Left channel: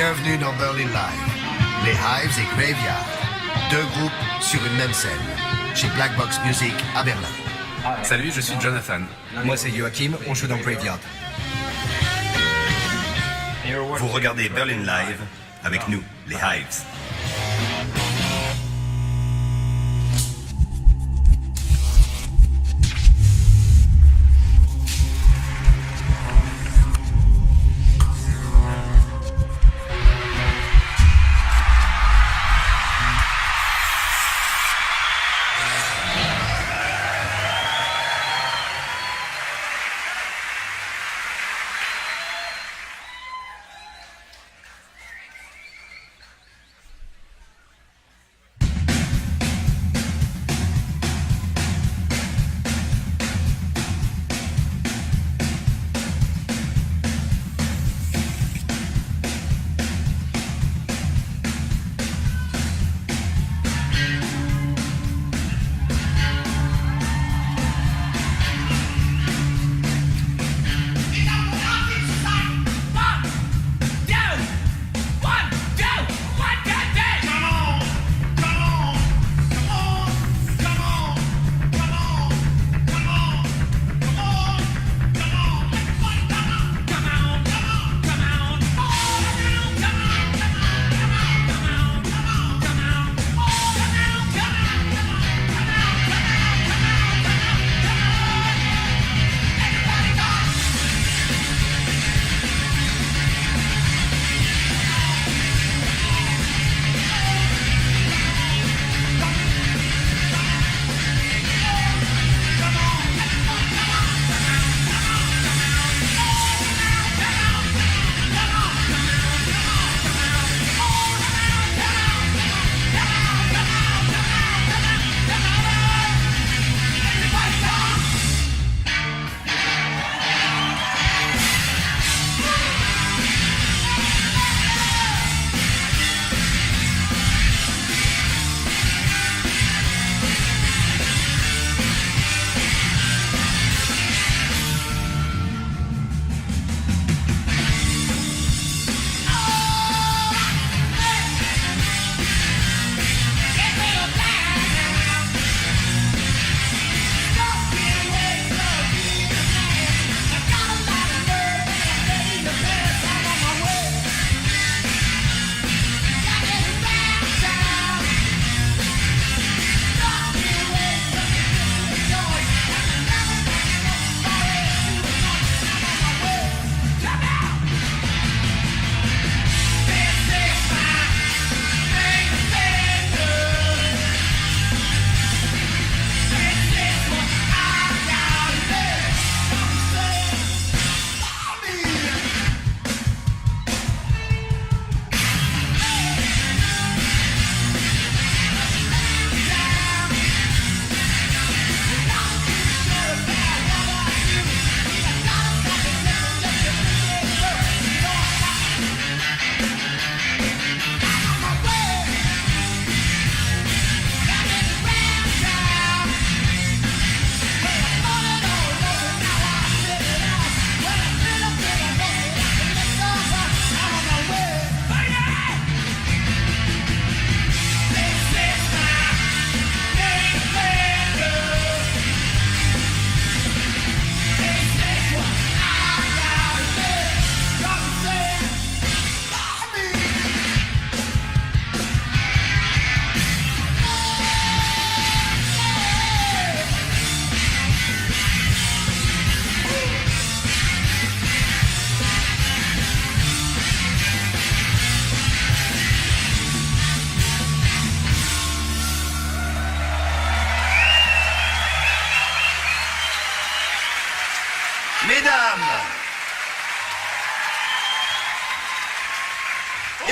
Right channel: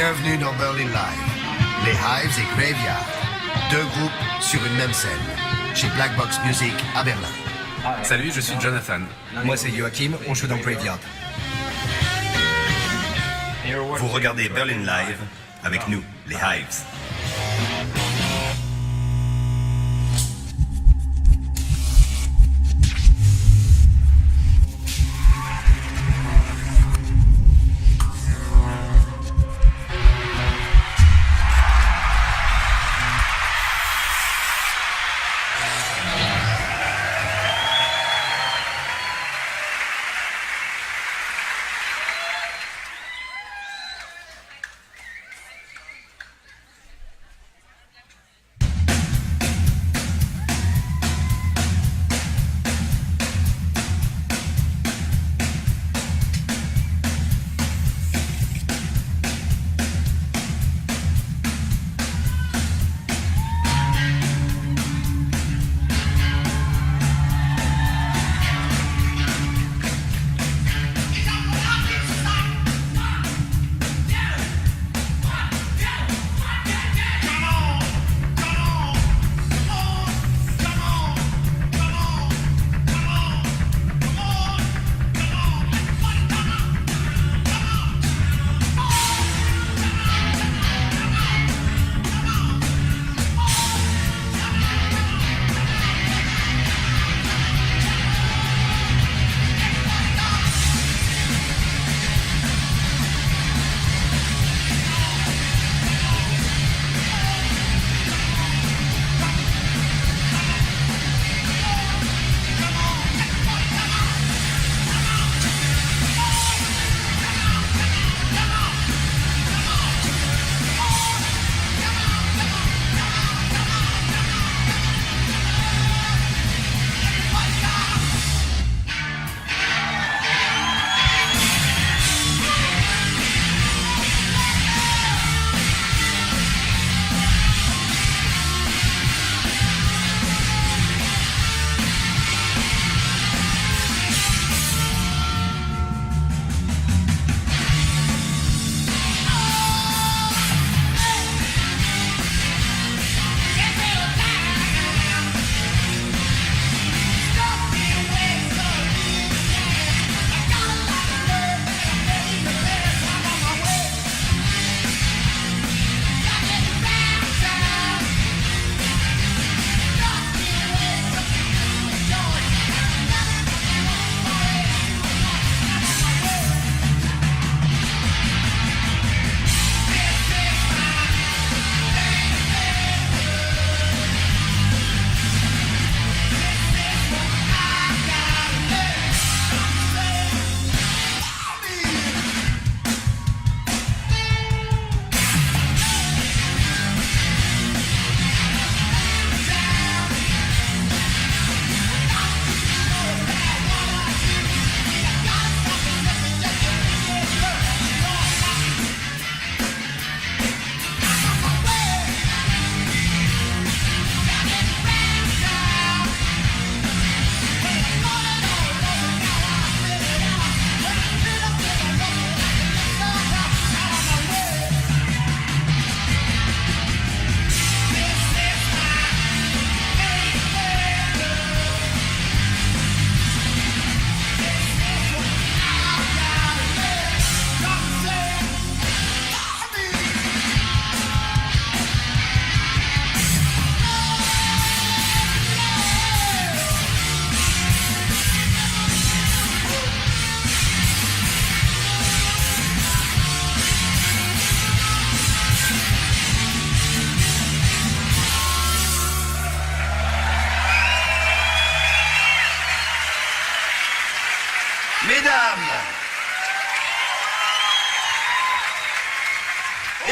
Bienvenue dans Berlin Live. Les Hives et Graveyard. Deux groupes sur une même scène. Chez Black Box Music à Berlin. Salut, je suis Jonathan. Moi c'est Joachim, on joue dans Graveyard. Vous regardez Berlin Live avec nous, les Hives.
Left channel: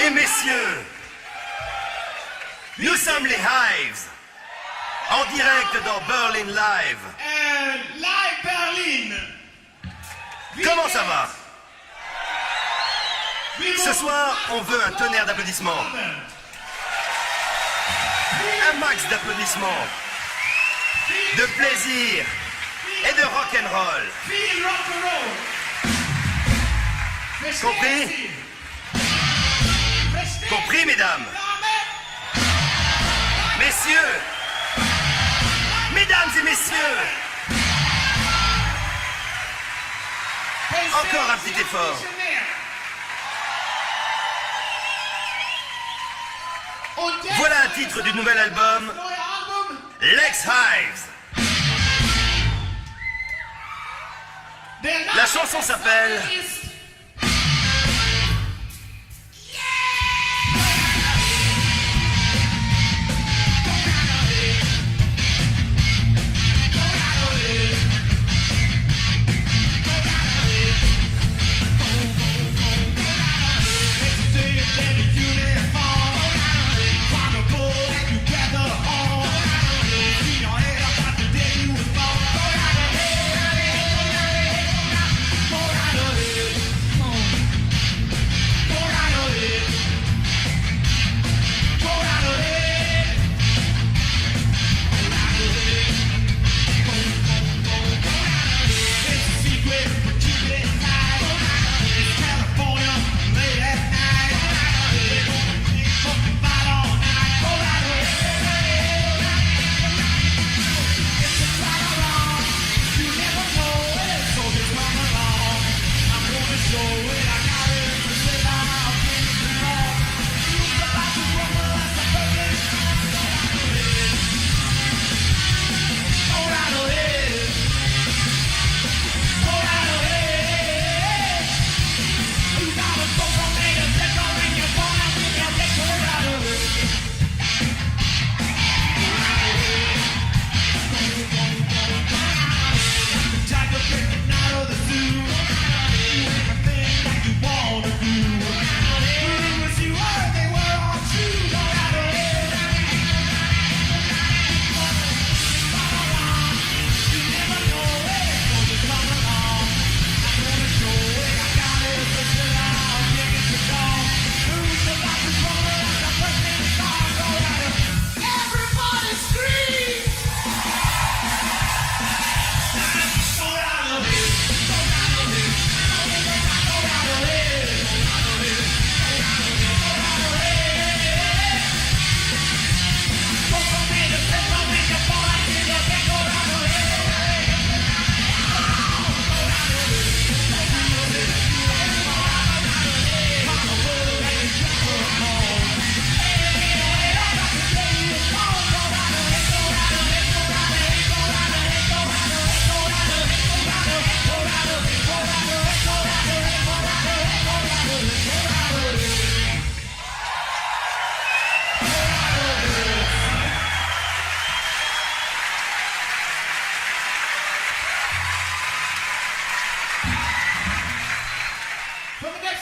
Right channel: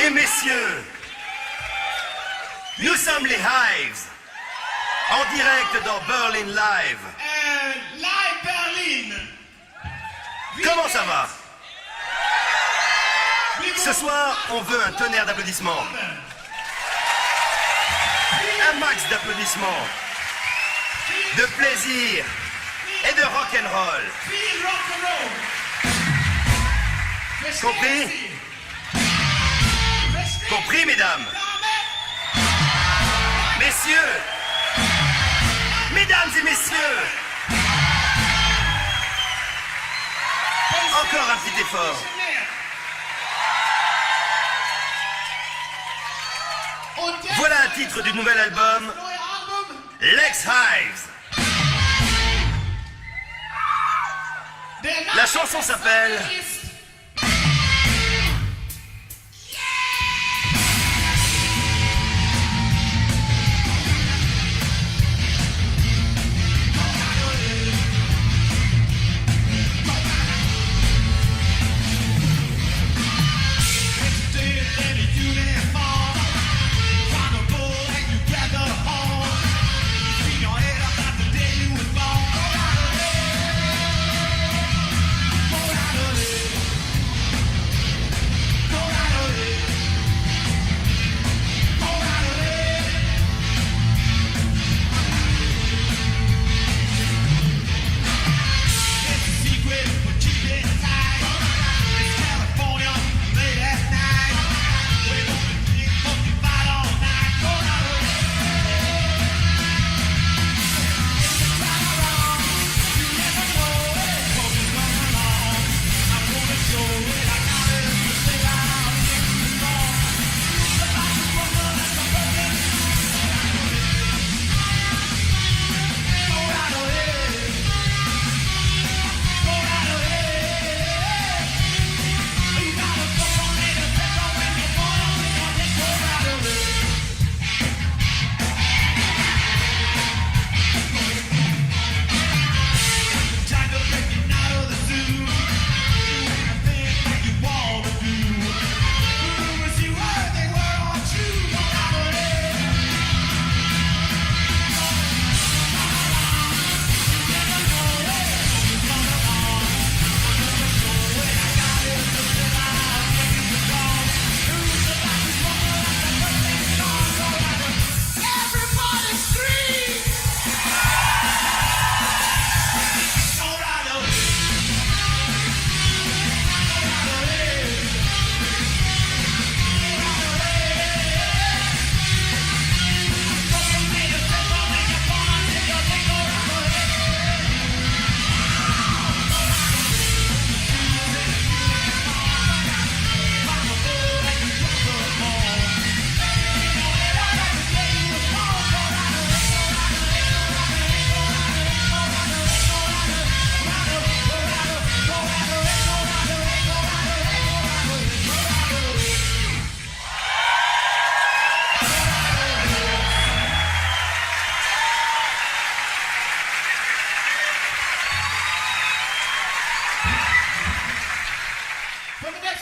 Et messieurs, nous sommes les Hives, en direct dans Berlin Live. Live Berlin. Comment ça va? Ce soir, on veut un tonnerre d'applaudissements. Un max d'applaudissements, de plaisir et de rock'n'roll. Compris? mesdames. Messieurs. Mesdames et messieurs. Encore un petit effort. Voilà le titre du nouvel album, Lex Hives. La chanson s'appelle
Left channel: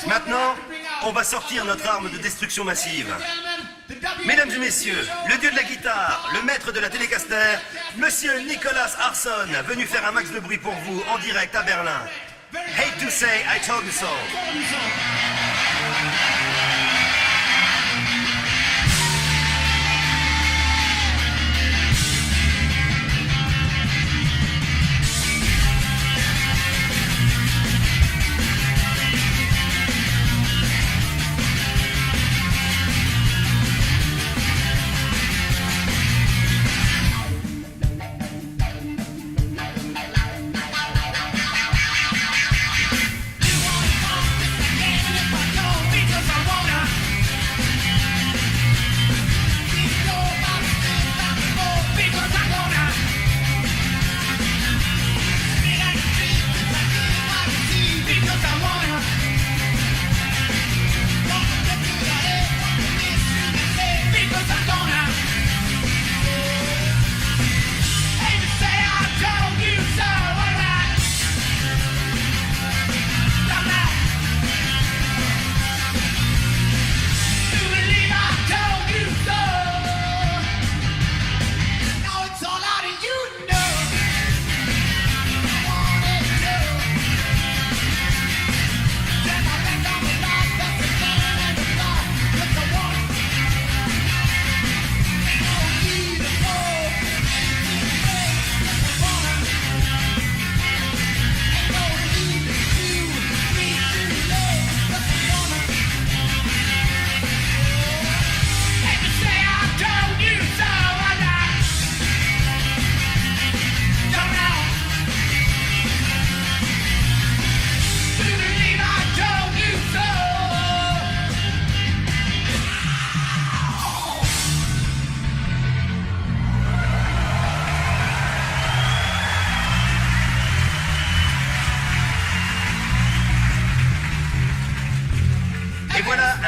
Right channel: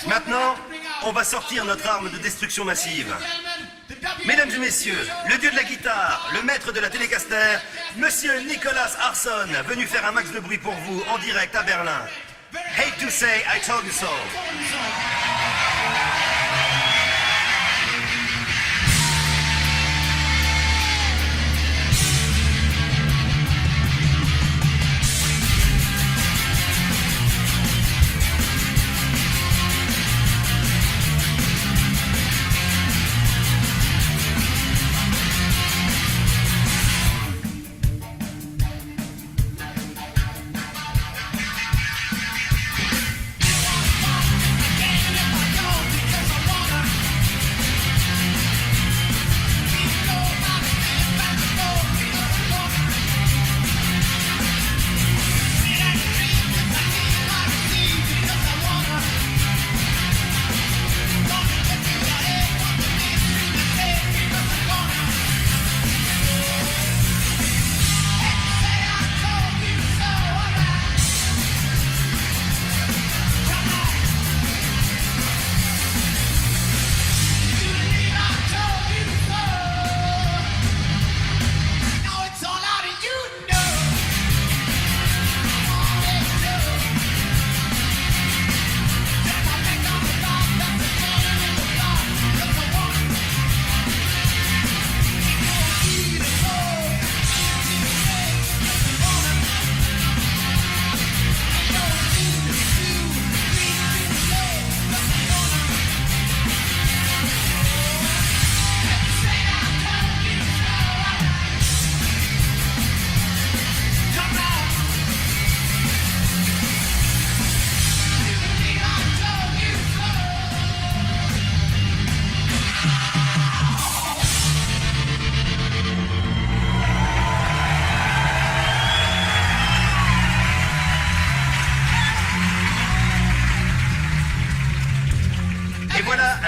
Maintenant, on va sortir notre arme de destruction massive. Mesdames et messieurs, le dieu de la guitare, le maître de la télécaster, Monsieur Nicolas Arson, venu faire un max de bruit pour vous en direct à Berlin. Hate to say I told you so.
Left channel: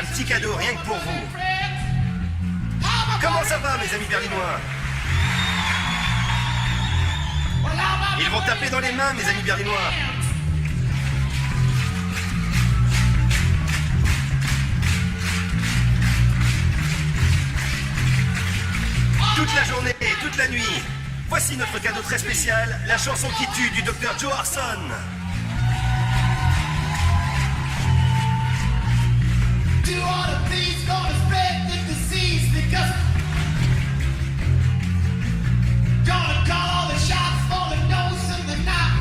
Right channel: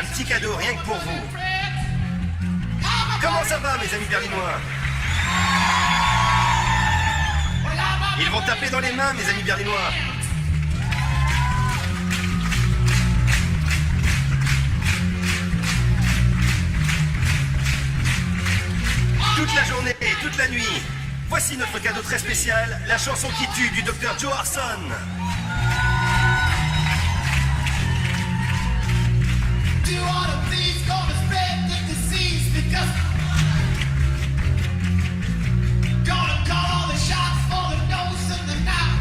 un petit cadeau rien que pour vous. Comment ça va, mes amis berlinois? Ils vont taper dans les mains, mes amis berlinois. Toute la journée, toute la nuit. Voici notre cadeau très spécial, la chanson qui tue du Dr. Joe Arson. Do all of these gonna spread the disease because gonna call all the shots for the nose and the mouth.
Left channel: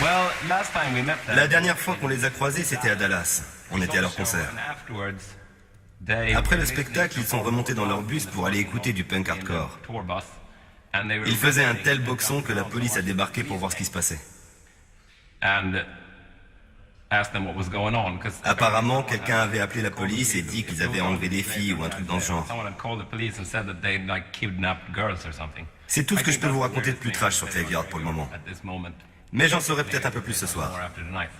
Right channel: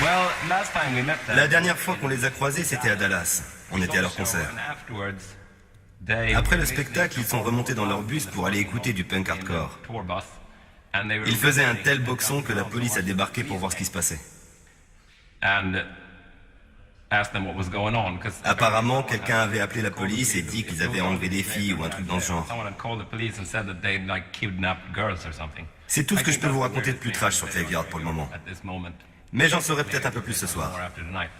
Well, last time we met them, La dernière fois qu'on les a croisés, c'était à Dallas. On était à leur concert. and afterwards, they Après le spectacle, ils sont remontés dans leur bus pour aller écouter du punk hardcore. tour bus, and they were Ils faisaient un tel boxon que la police a débarqué pour voir ce qui se passait. and asked them what was going on because Apparemment, quelqu'un avait appelé la police et dit qu'ils avaient enlevé des filles ou un truc dans le genre. someone had called the police and said that they'd like kidnapped girls or something. C'est tout ce que je peux vous raconter de plus trash sur Graveyard pour le moment. At this moment, Mais j'en saurai peut-être un peu plus ce soir. or after tonight.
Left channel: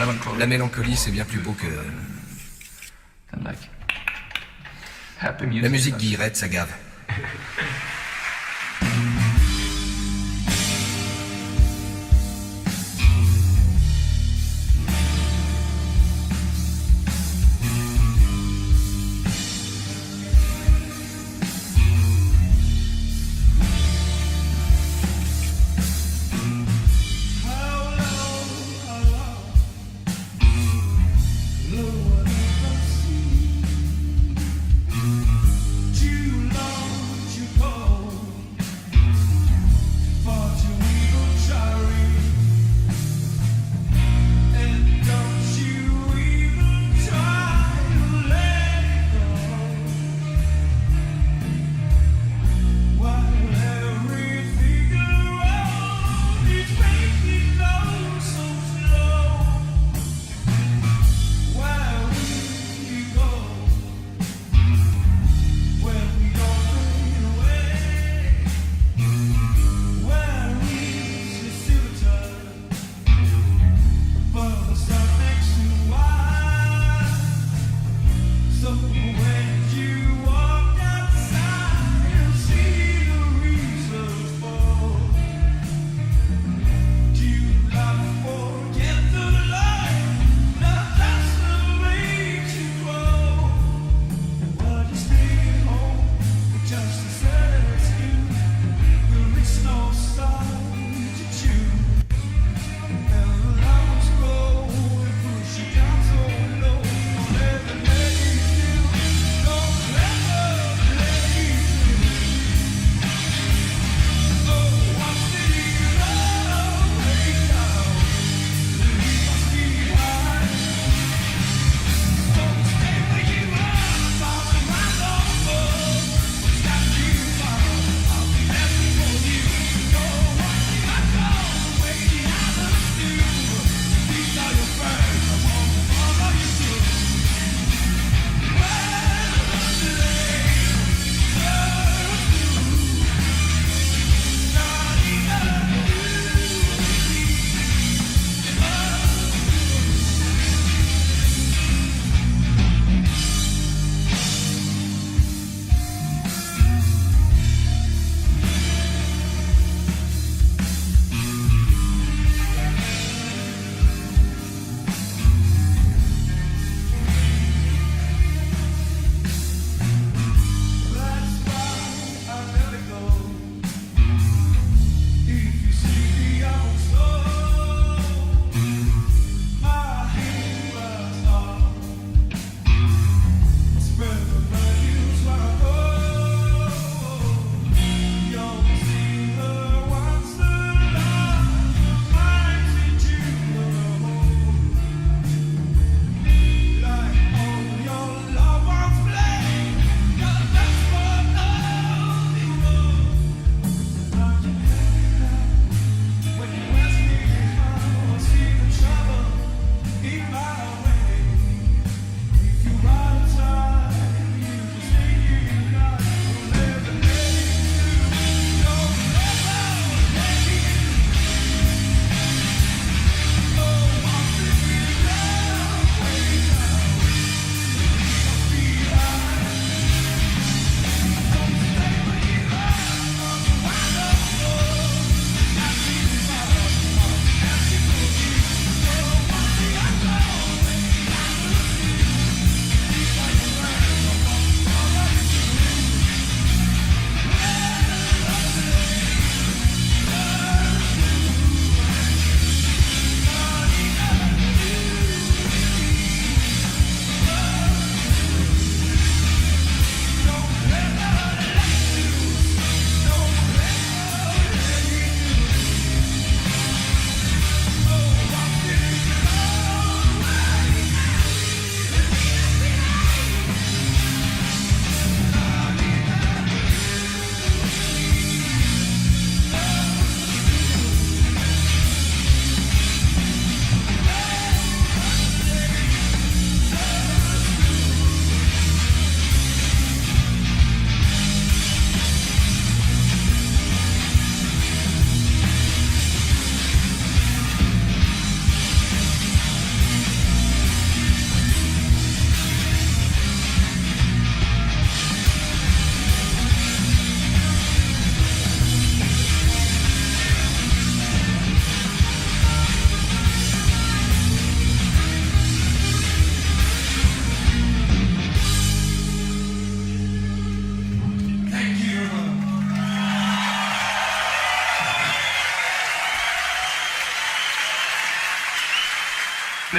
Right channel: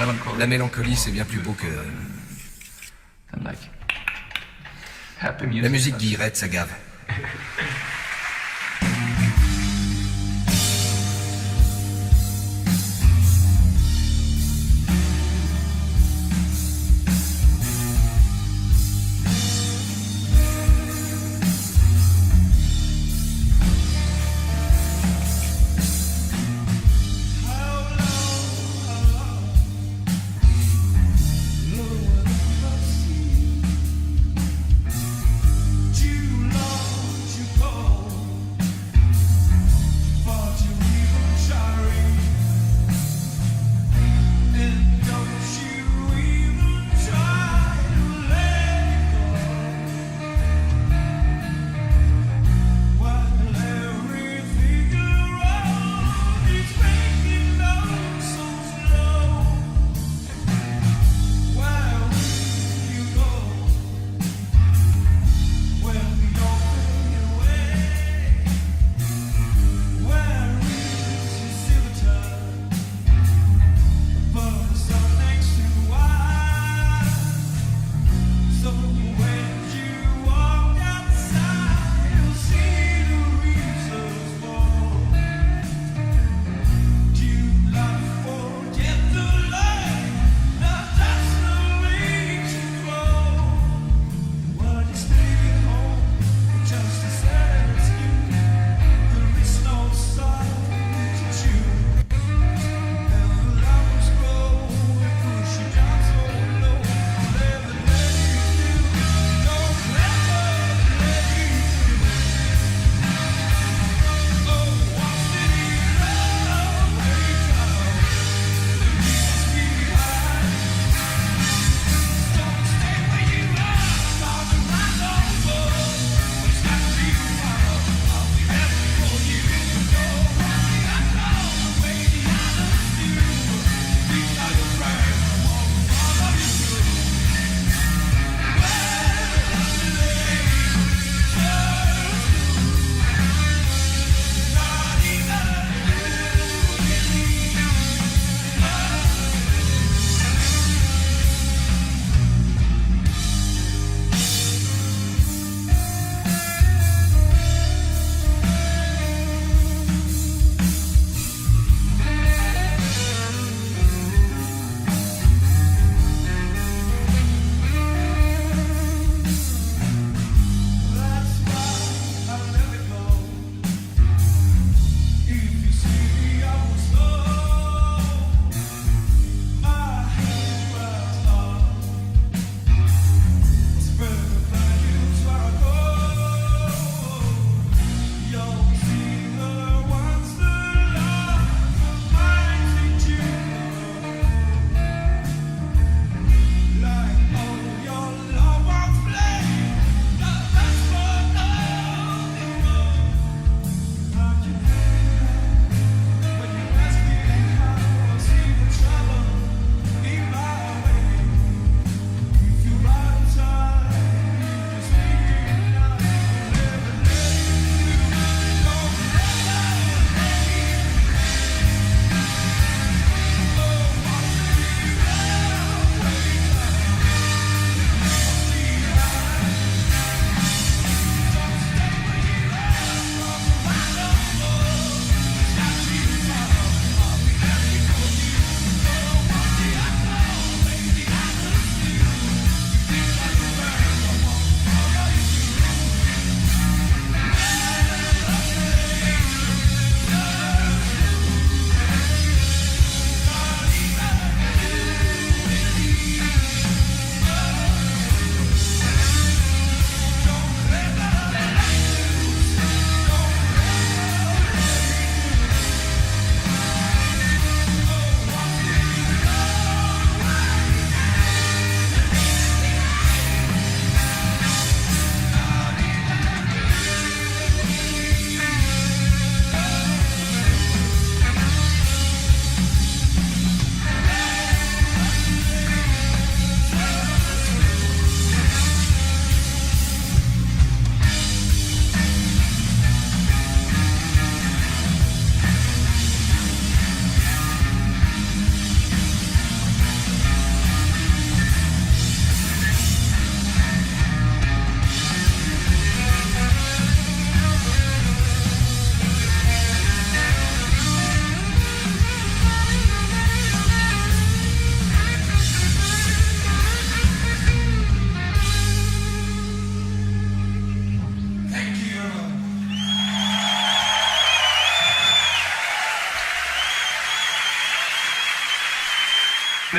melancholy. La mélancolie, c'est bien plus beau que And like happy music. la musique guillerette, ça gave.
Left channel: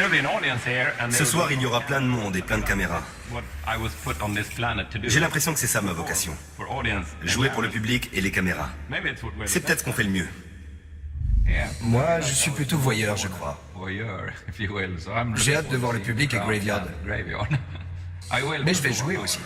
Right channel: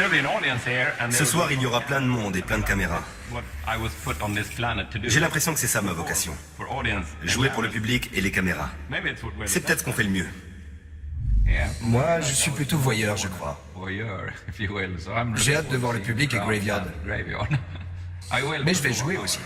there'll be an audience here, and Ce soir, il y aura plein de monde et plein de caméras. what I was put on this planet to do. J'ai l'impression que c'est ça ma vocation. For audience. Jouer pour le public et les caméras. Maybe it's what we're C'est peut-être ce qu'on fait le mieux. Moi, je suis plutôt voyeur, je crois. voyeur, if you will. So I'm J'ai hâte de voir le public et Graveyard. Graveyard. I will. Mais je vais jouer aussi.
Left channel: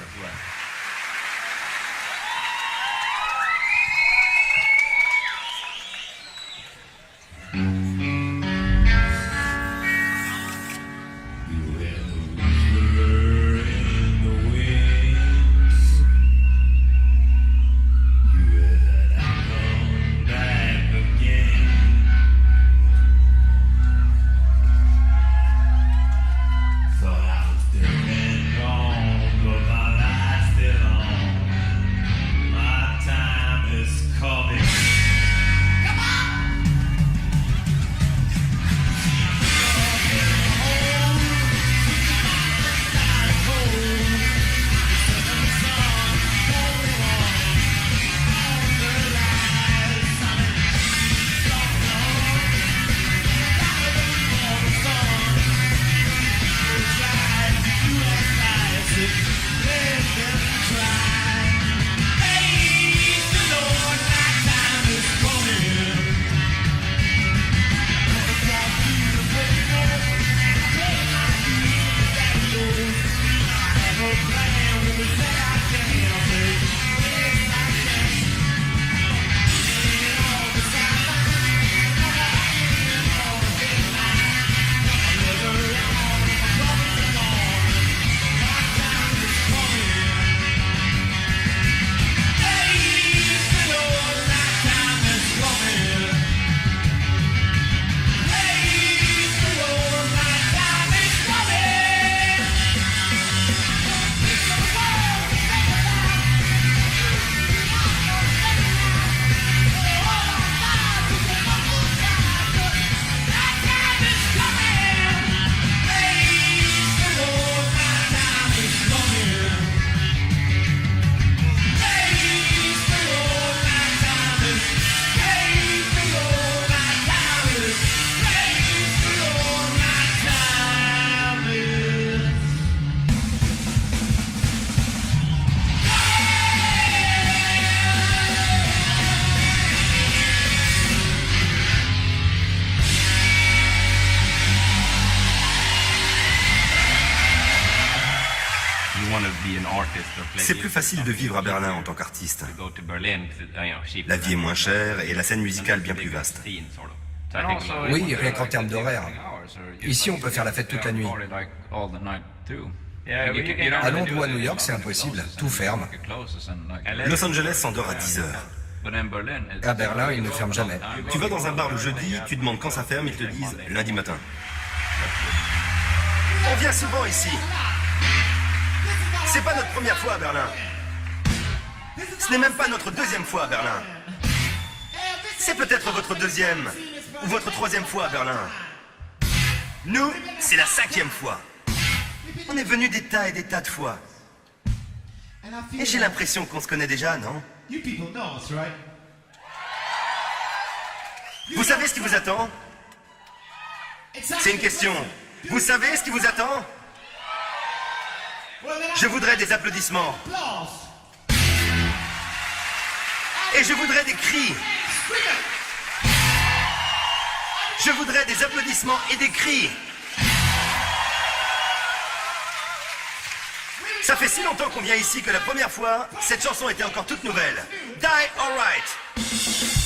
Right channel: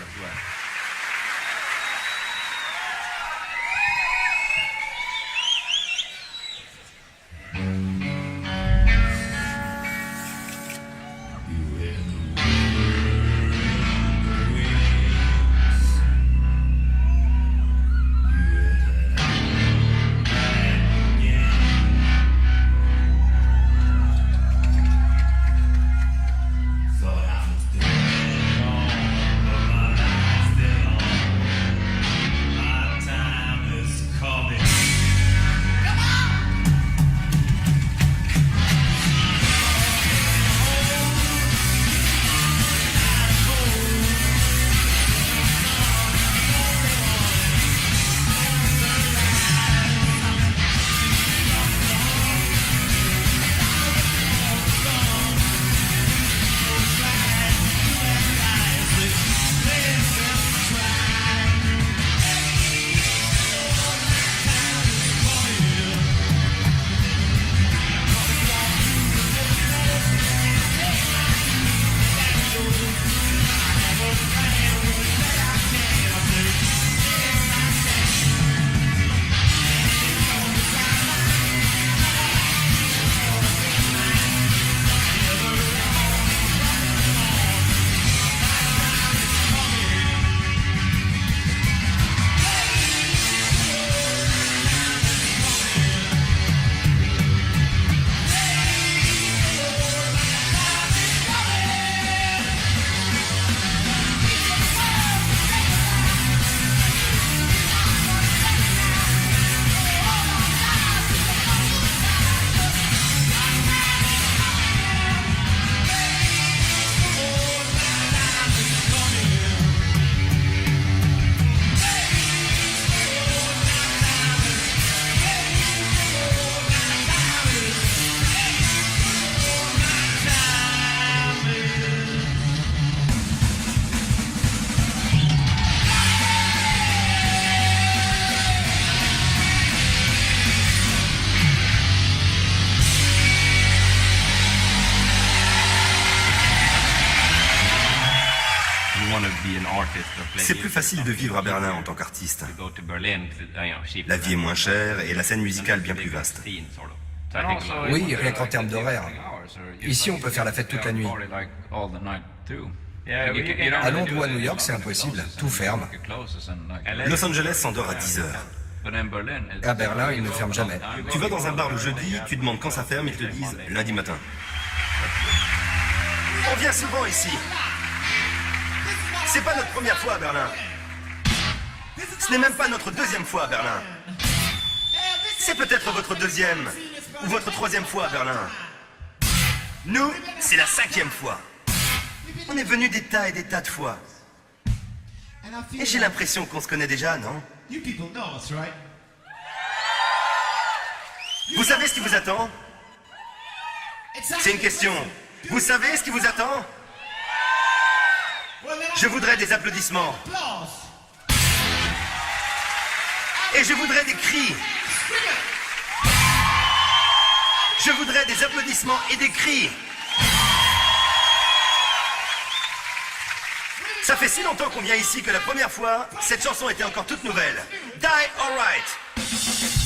You want to be an artist or play C'est plus facile de vivre à Berlin en tant qu'artiste. go to Berlin, cheap. La vie est moins chère et la scène musicale bien plus vaste. Scene, sort of. So I think Oui, rien qu'en termes d'horaire. Ici, on peut faire la fête toute la nuit. Yeah, À Londres ou à New York, c'est impossible. Tout ferme. Los Angeles s'endort à 10 heures. À Berlin, ils ne ferment jamais. Tu vas dans un bar le jeudi, tu demandes quand ça ferme, ils te disent lundi matin. On vient souvent ici. C'est pas notre première fois à Berlin. Ce n'est même pas notre deuxième fois à Berlin. C'est peut-être votre deuxième ou votre troisième fois à Berlin. Nous, c'est la 5e fois. On est venu des tas et des tas de fois. Et j'ai l'impression qu'on se connaît déjà, non? You people know us, right? Vous savez ce qui vous attend? C'est une question. Vous savez ce qui vous attend? Je voudrais des applaudissements. Et je voudrais des cris. Je voudrais des applaudissements et des cris. Ça fait si longtemps qu'on vient ici que la première fois, cette chanson était encore toute nouvelle. Die Alright.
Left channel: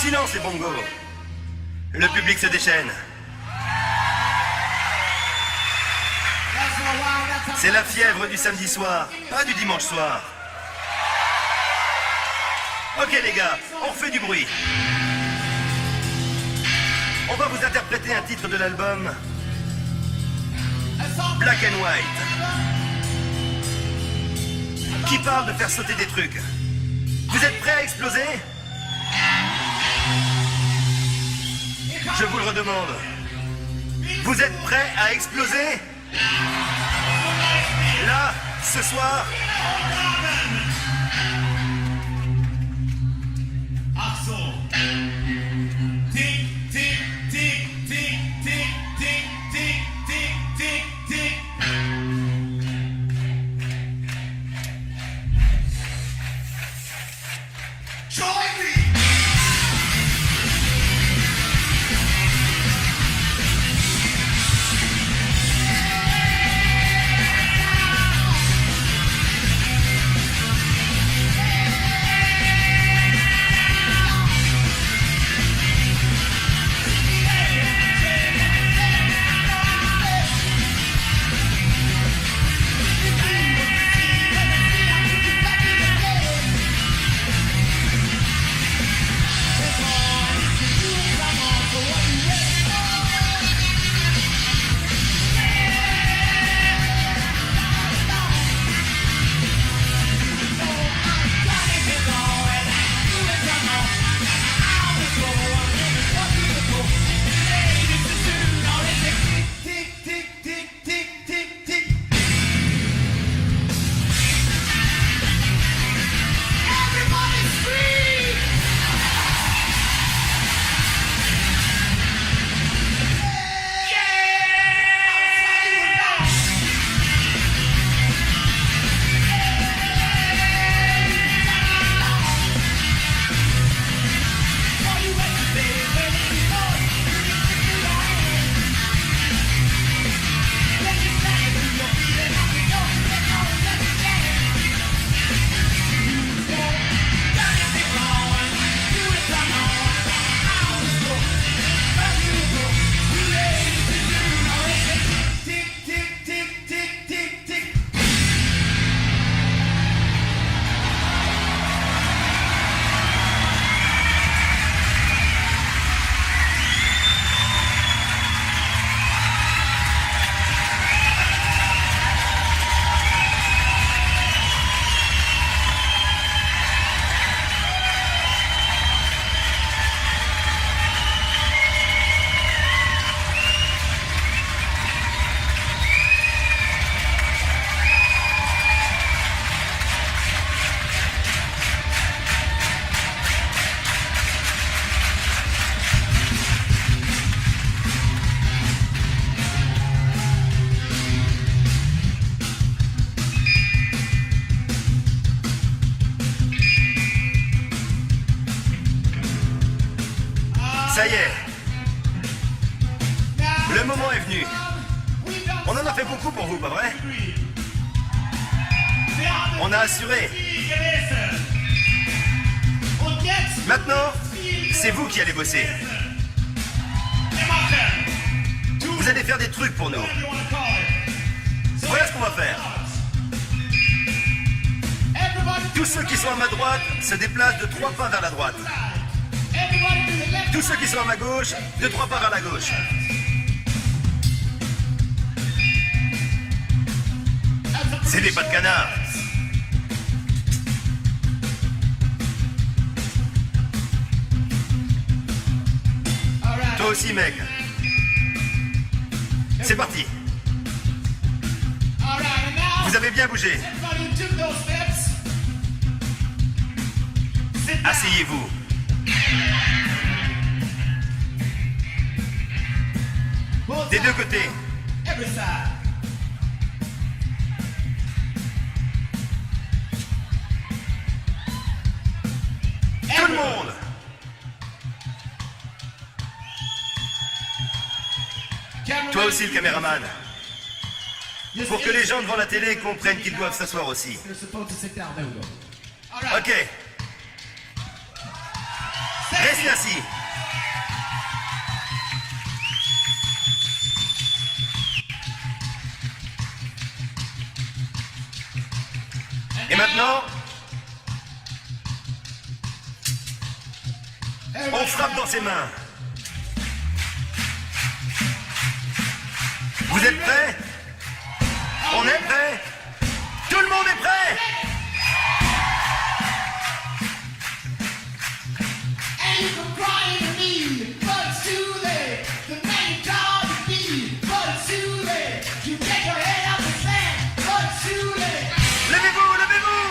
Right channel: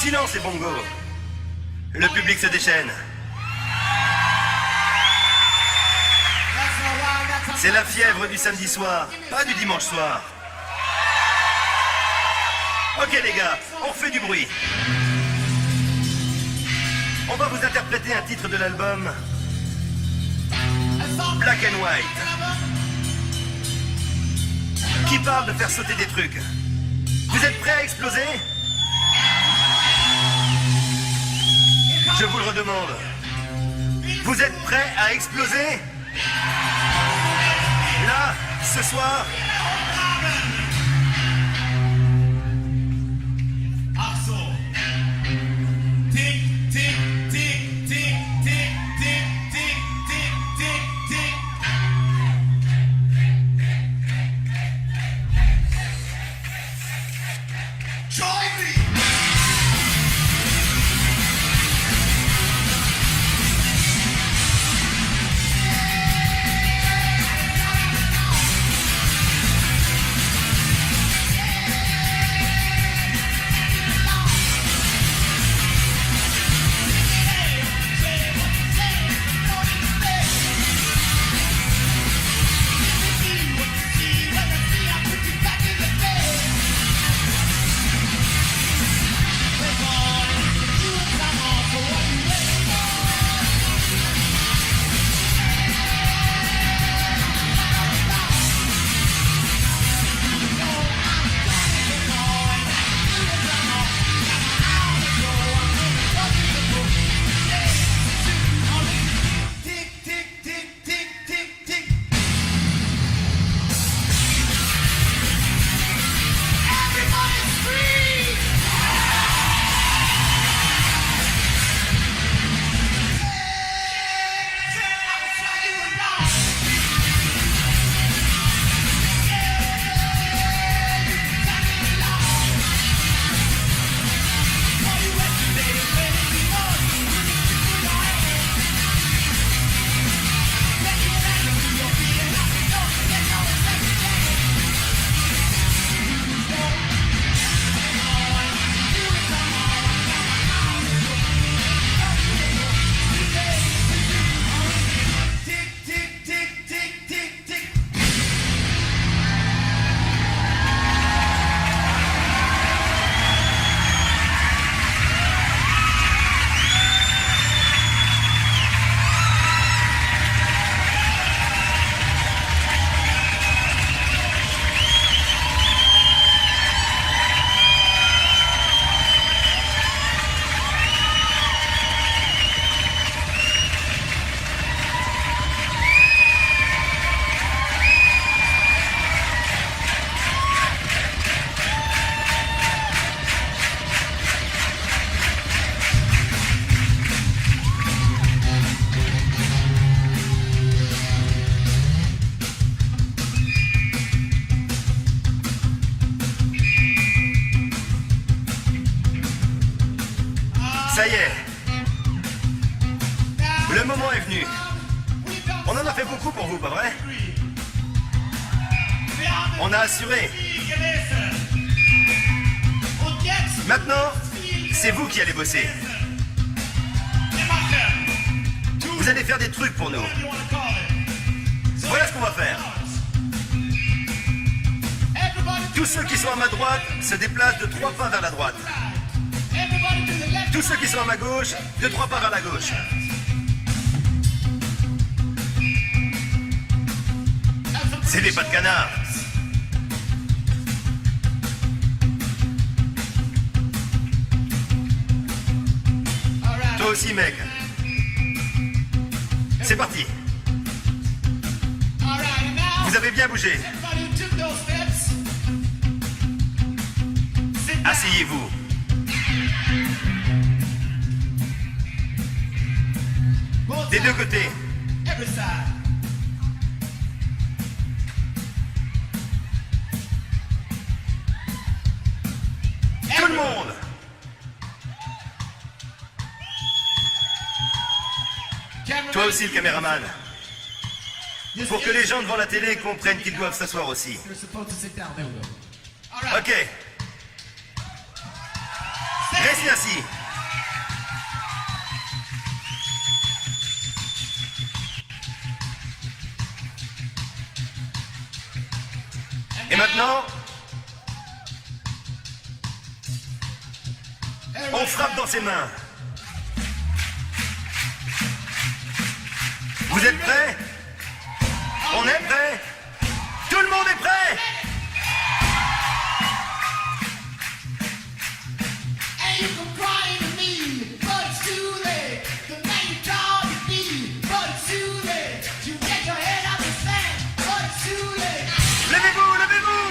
Silence les bongos. Le public se déchaîne. C'est la fièvre du samedi soir, pas du dimanche soir. Ok les gars, on refait du bruit. On va vous interpréter un titre de l'album Black and White, qui parle de faire sauter des trucs. Vous êtes prêts à exploser? Je vous le redemande. Vous êtes prêts à exploser? Là, ce soir. Ça y est. Le moment est venu. On en a fait beaucoup pour vous, pas vrai? On a assuré. Maintenant, c'est vous qui allez bosser. Vous allez faire des trucs pour nous. Voilà ce qu'on va faire. Tous ceux qui sont à ma droite se déplacent de 3 pas vers la droite. Tous ceux qui sont à ma gauche, de 3 pas vers la gauche. C'est des pas de canard. Toi aussi, mec. C'est parti. Vous avez bien bougé. Asseyez-vous. Des deux côtés. Tout le monde. Toi aussi, le caméraman. Pour que les gens devant la télé comprennent qu'ils doivent s'asseoir aussi. Ok. Restez Merci. Et maintenant, on frappe dans ses mains. Vous êtes prêts? On est prêts? Tout le monde est prêt? And you can cry to me, but it's too late. The man you call to be, but it's too late. You take your head out the sand, but it's too late. Levez-vous, levez-vous!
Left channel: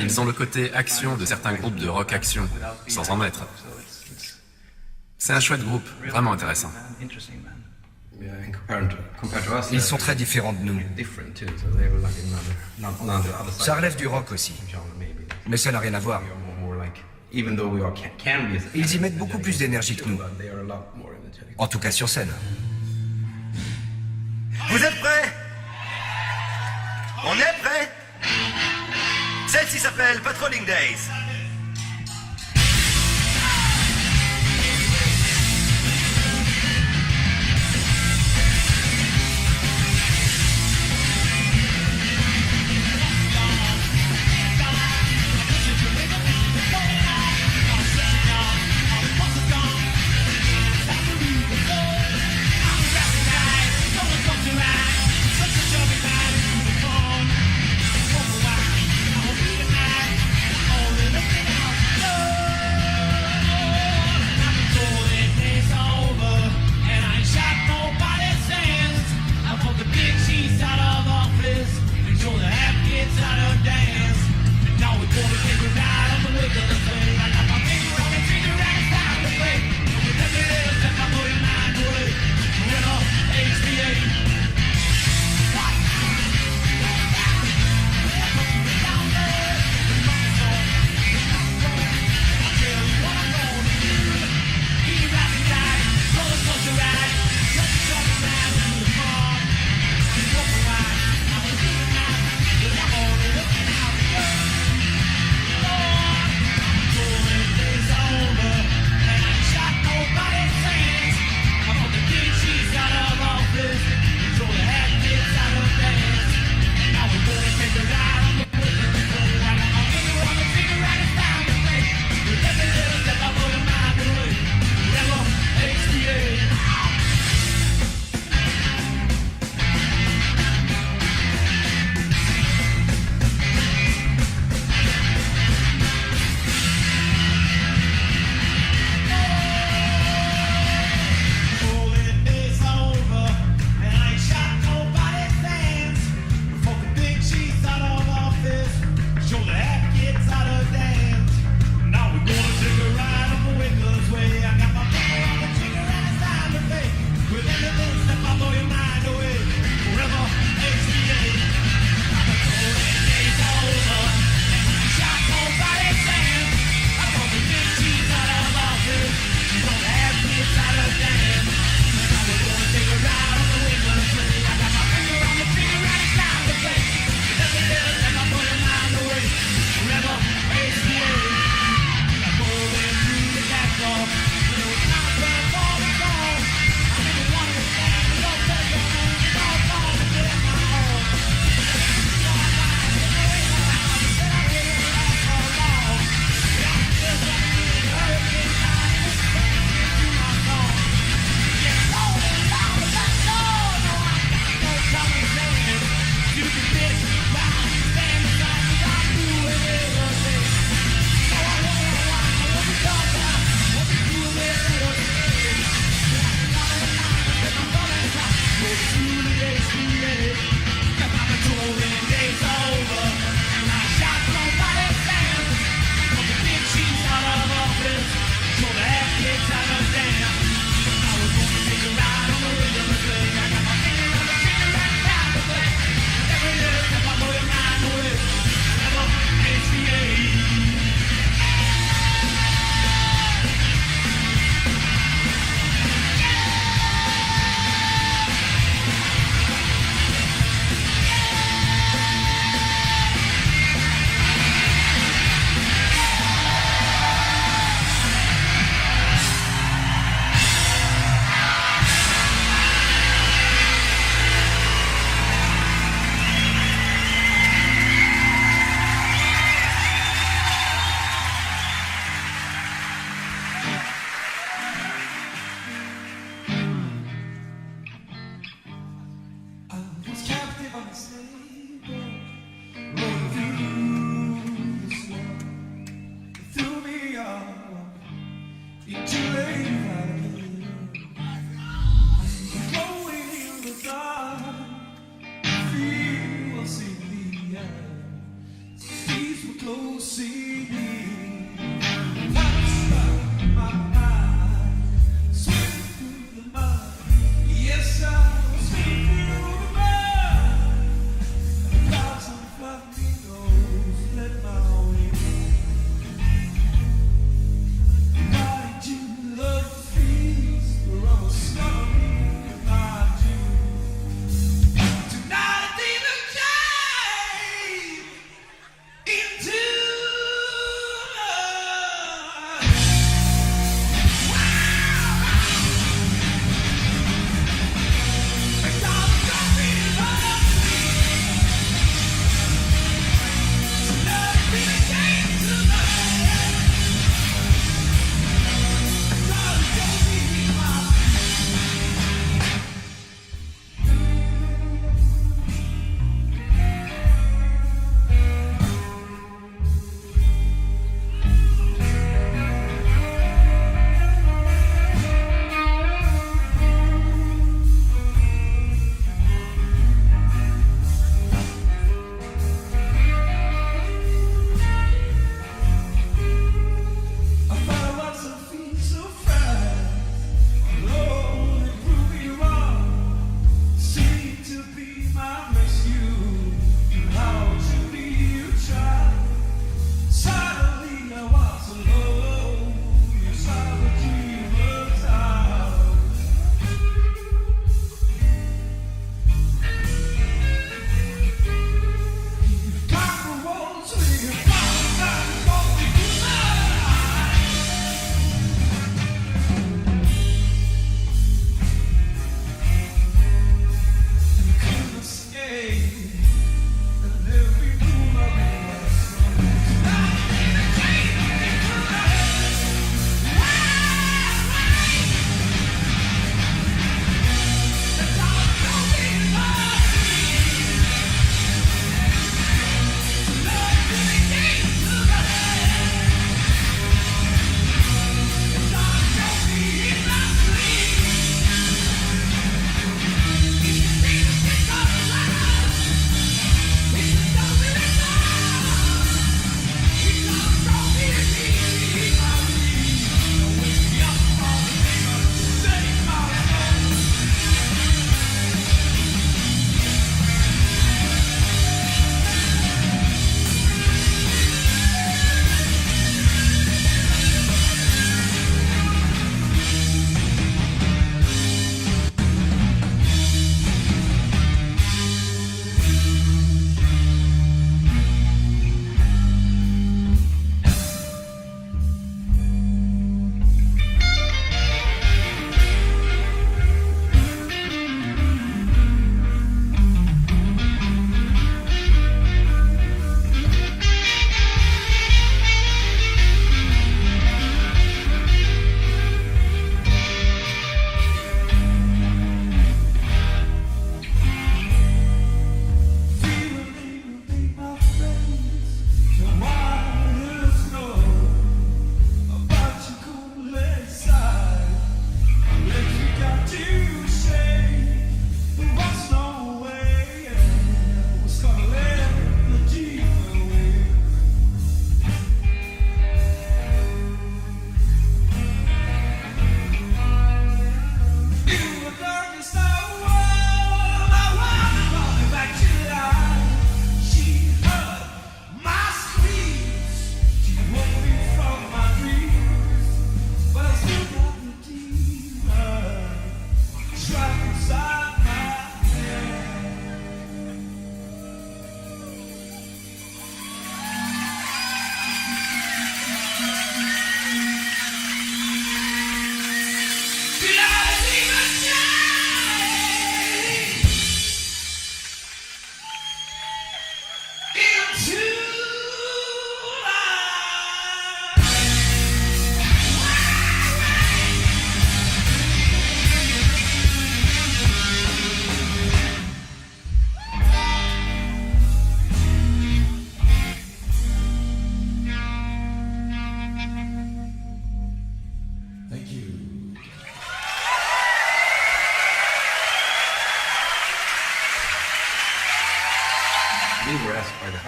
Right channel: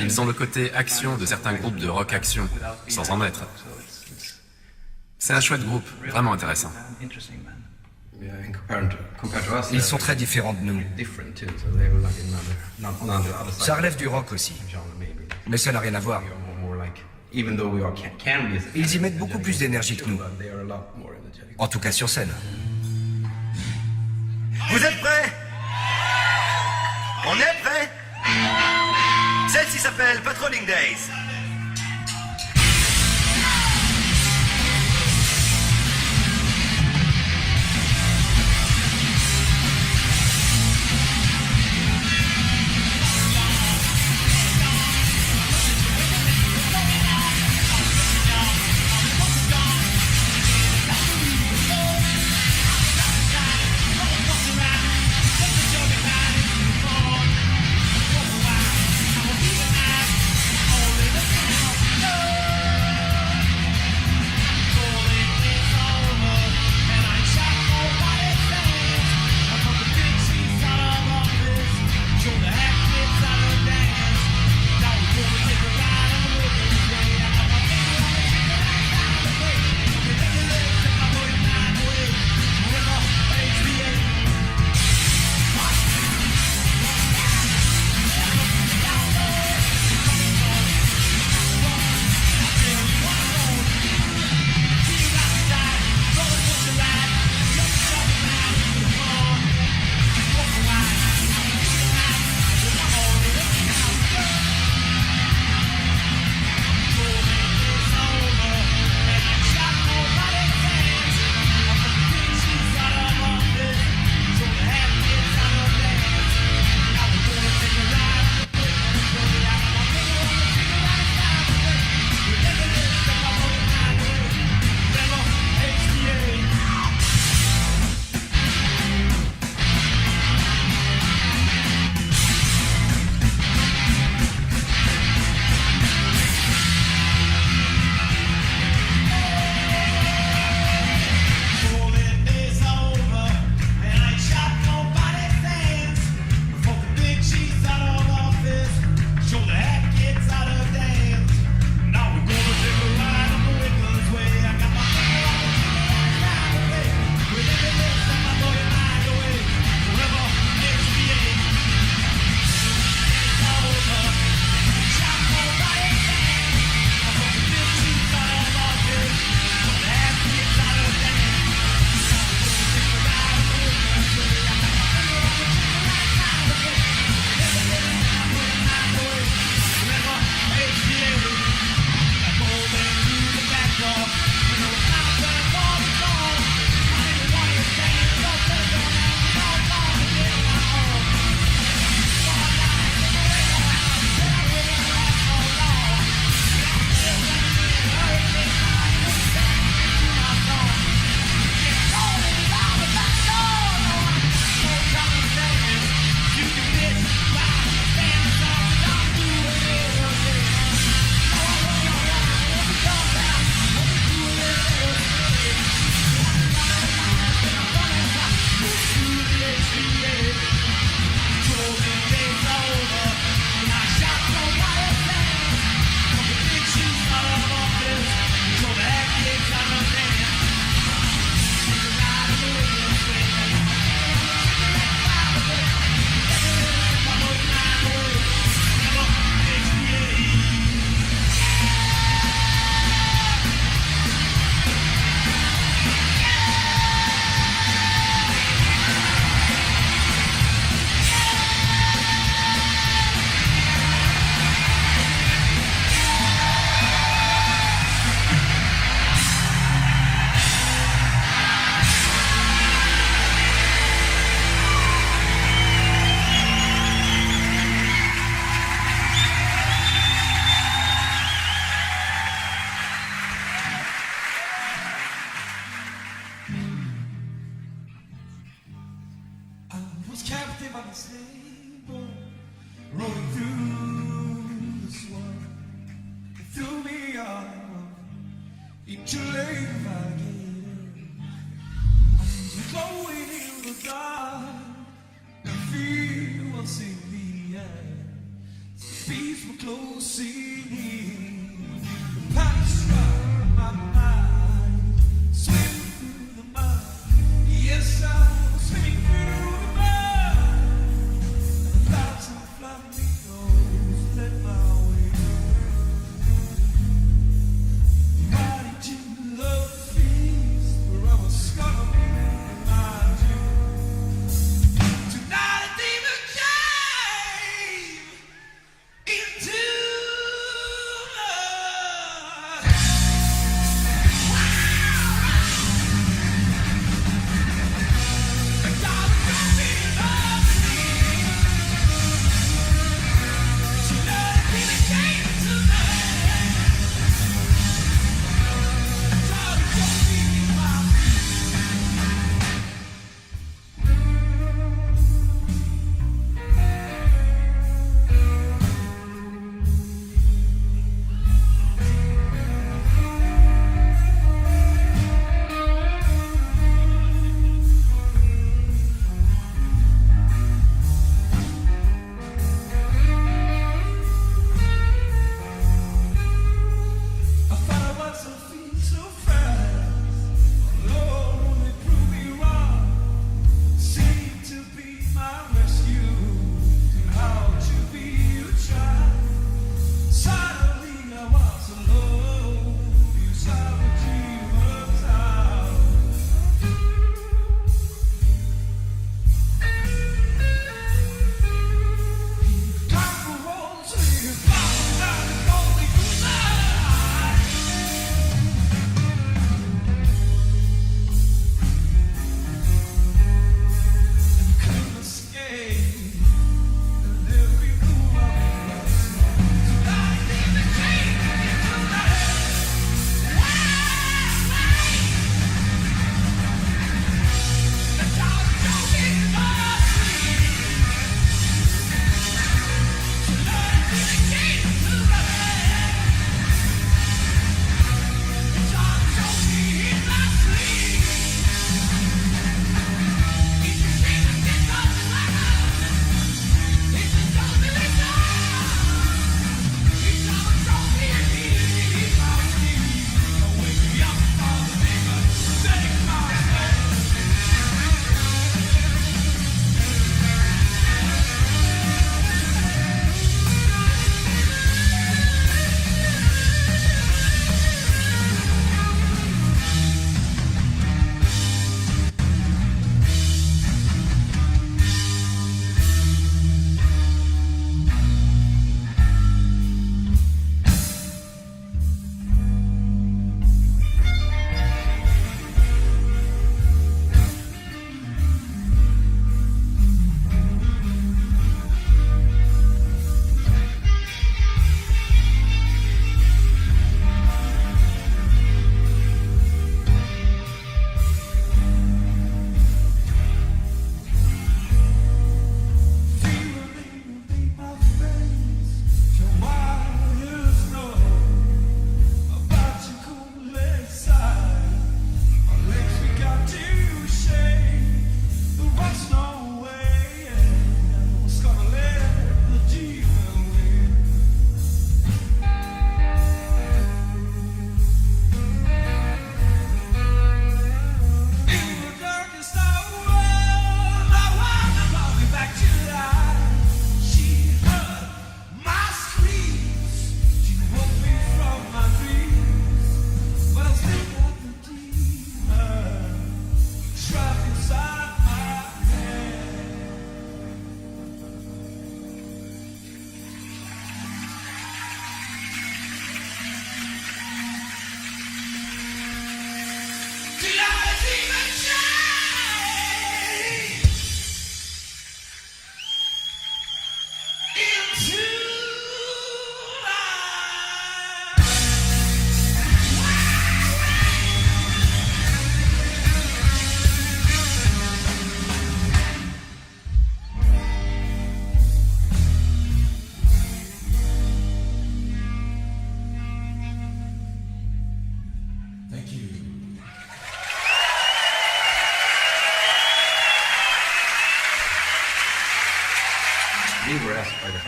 Ils ont le côté action de certains groupes de rock action, sans en être. C'est un chouette groupe, vraiment intéressant. Ils sont très différents de nous. Ça relève du rock aussi. Mais ça n'a rien à voir. Ils y mettent beaucoup plus d'énergie que nous. En tout cas sur scène. Vous êtes prêts? On est prêts? Celle-ci s'appelle Patrolling Days. Flamingos, let my own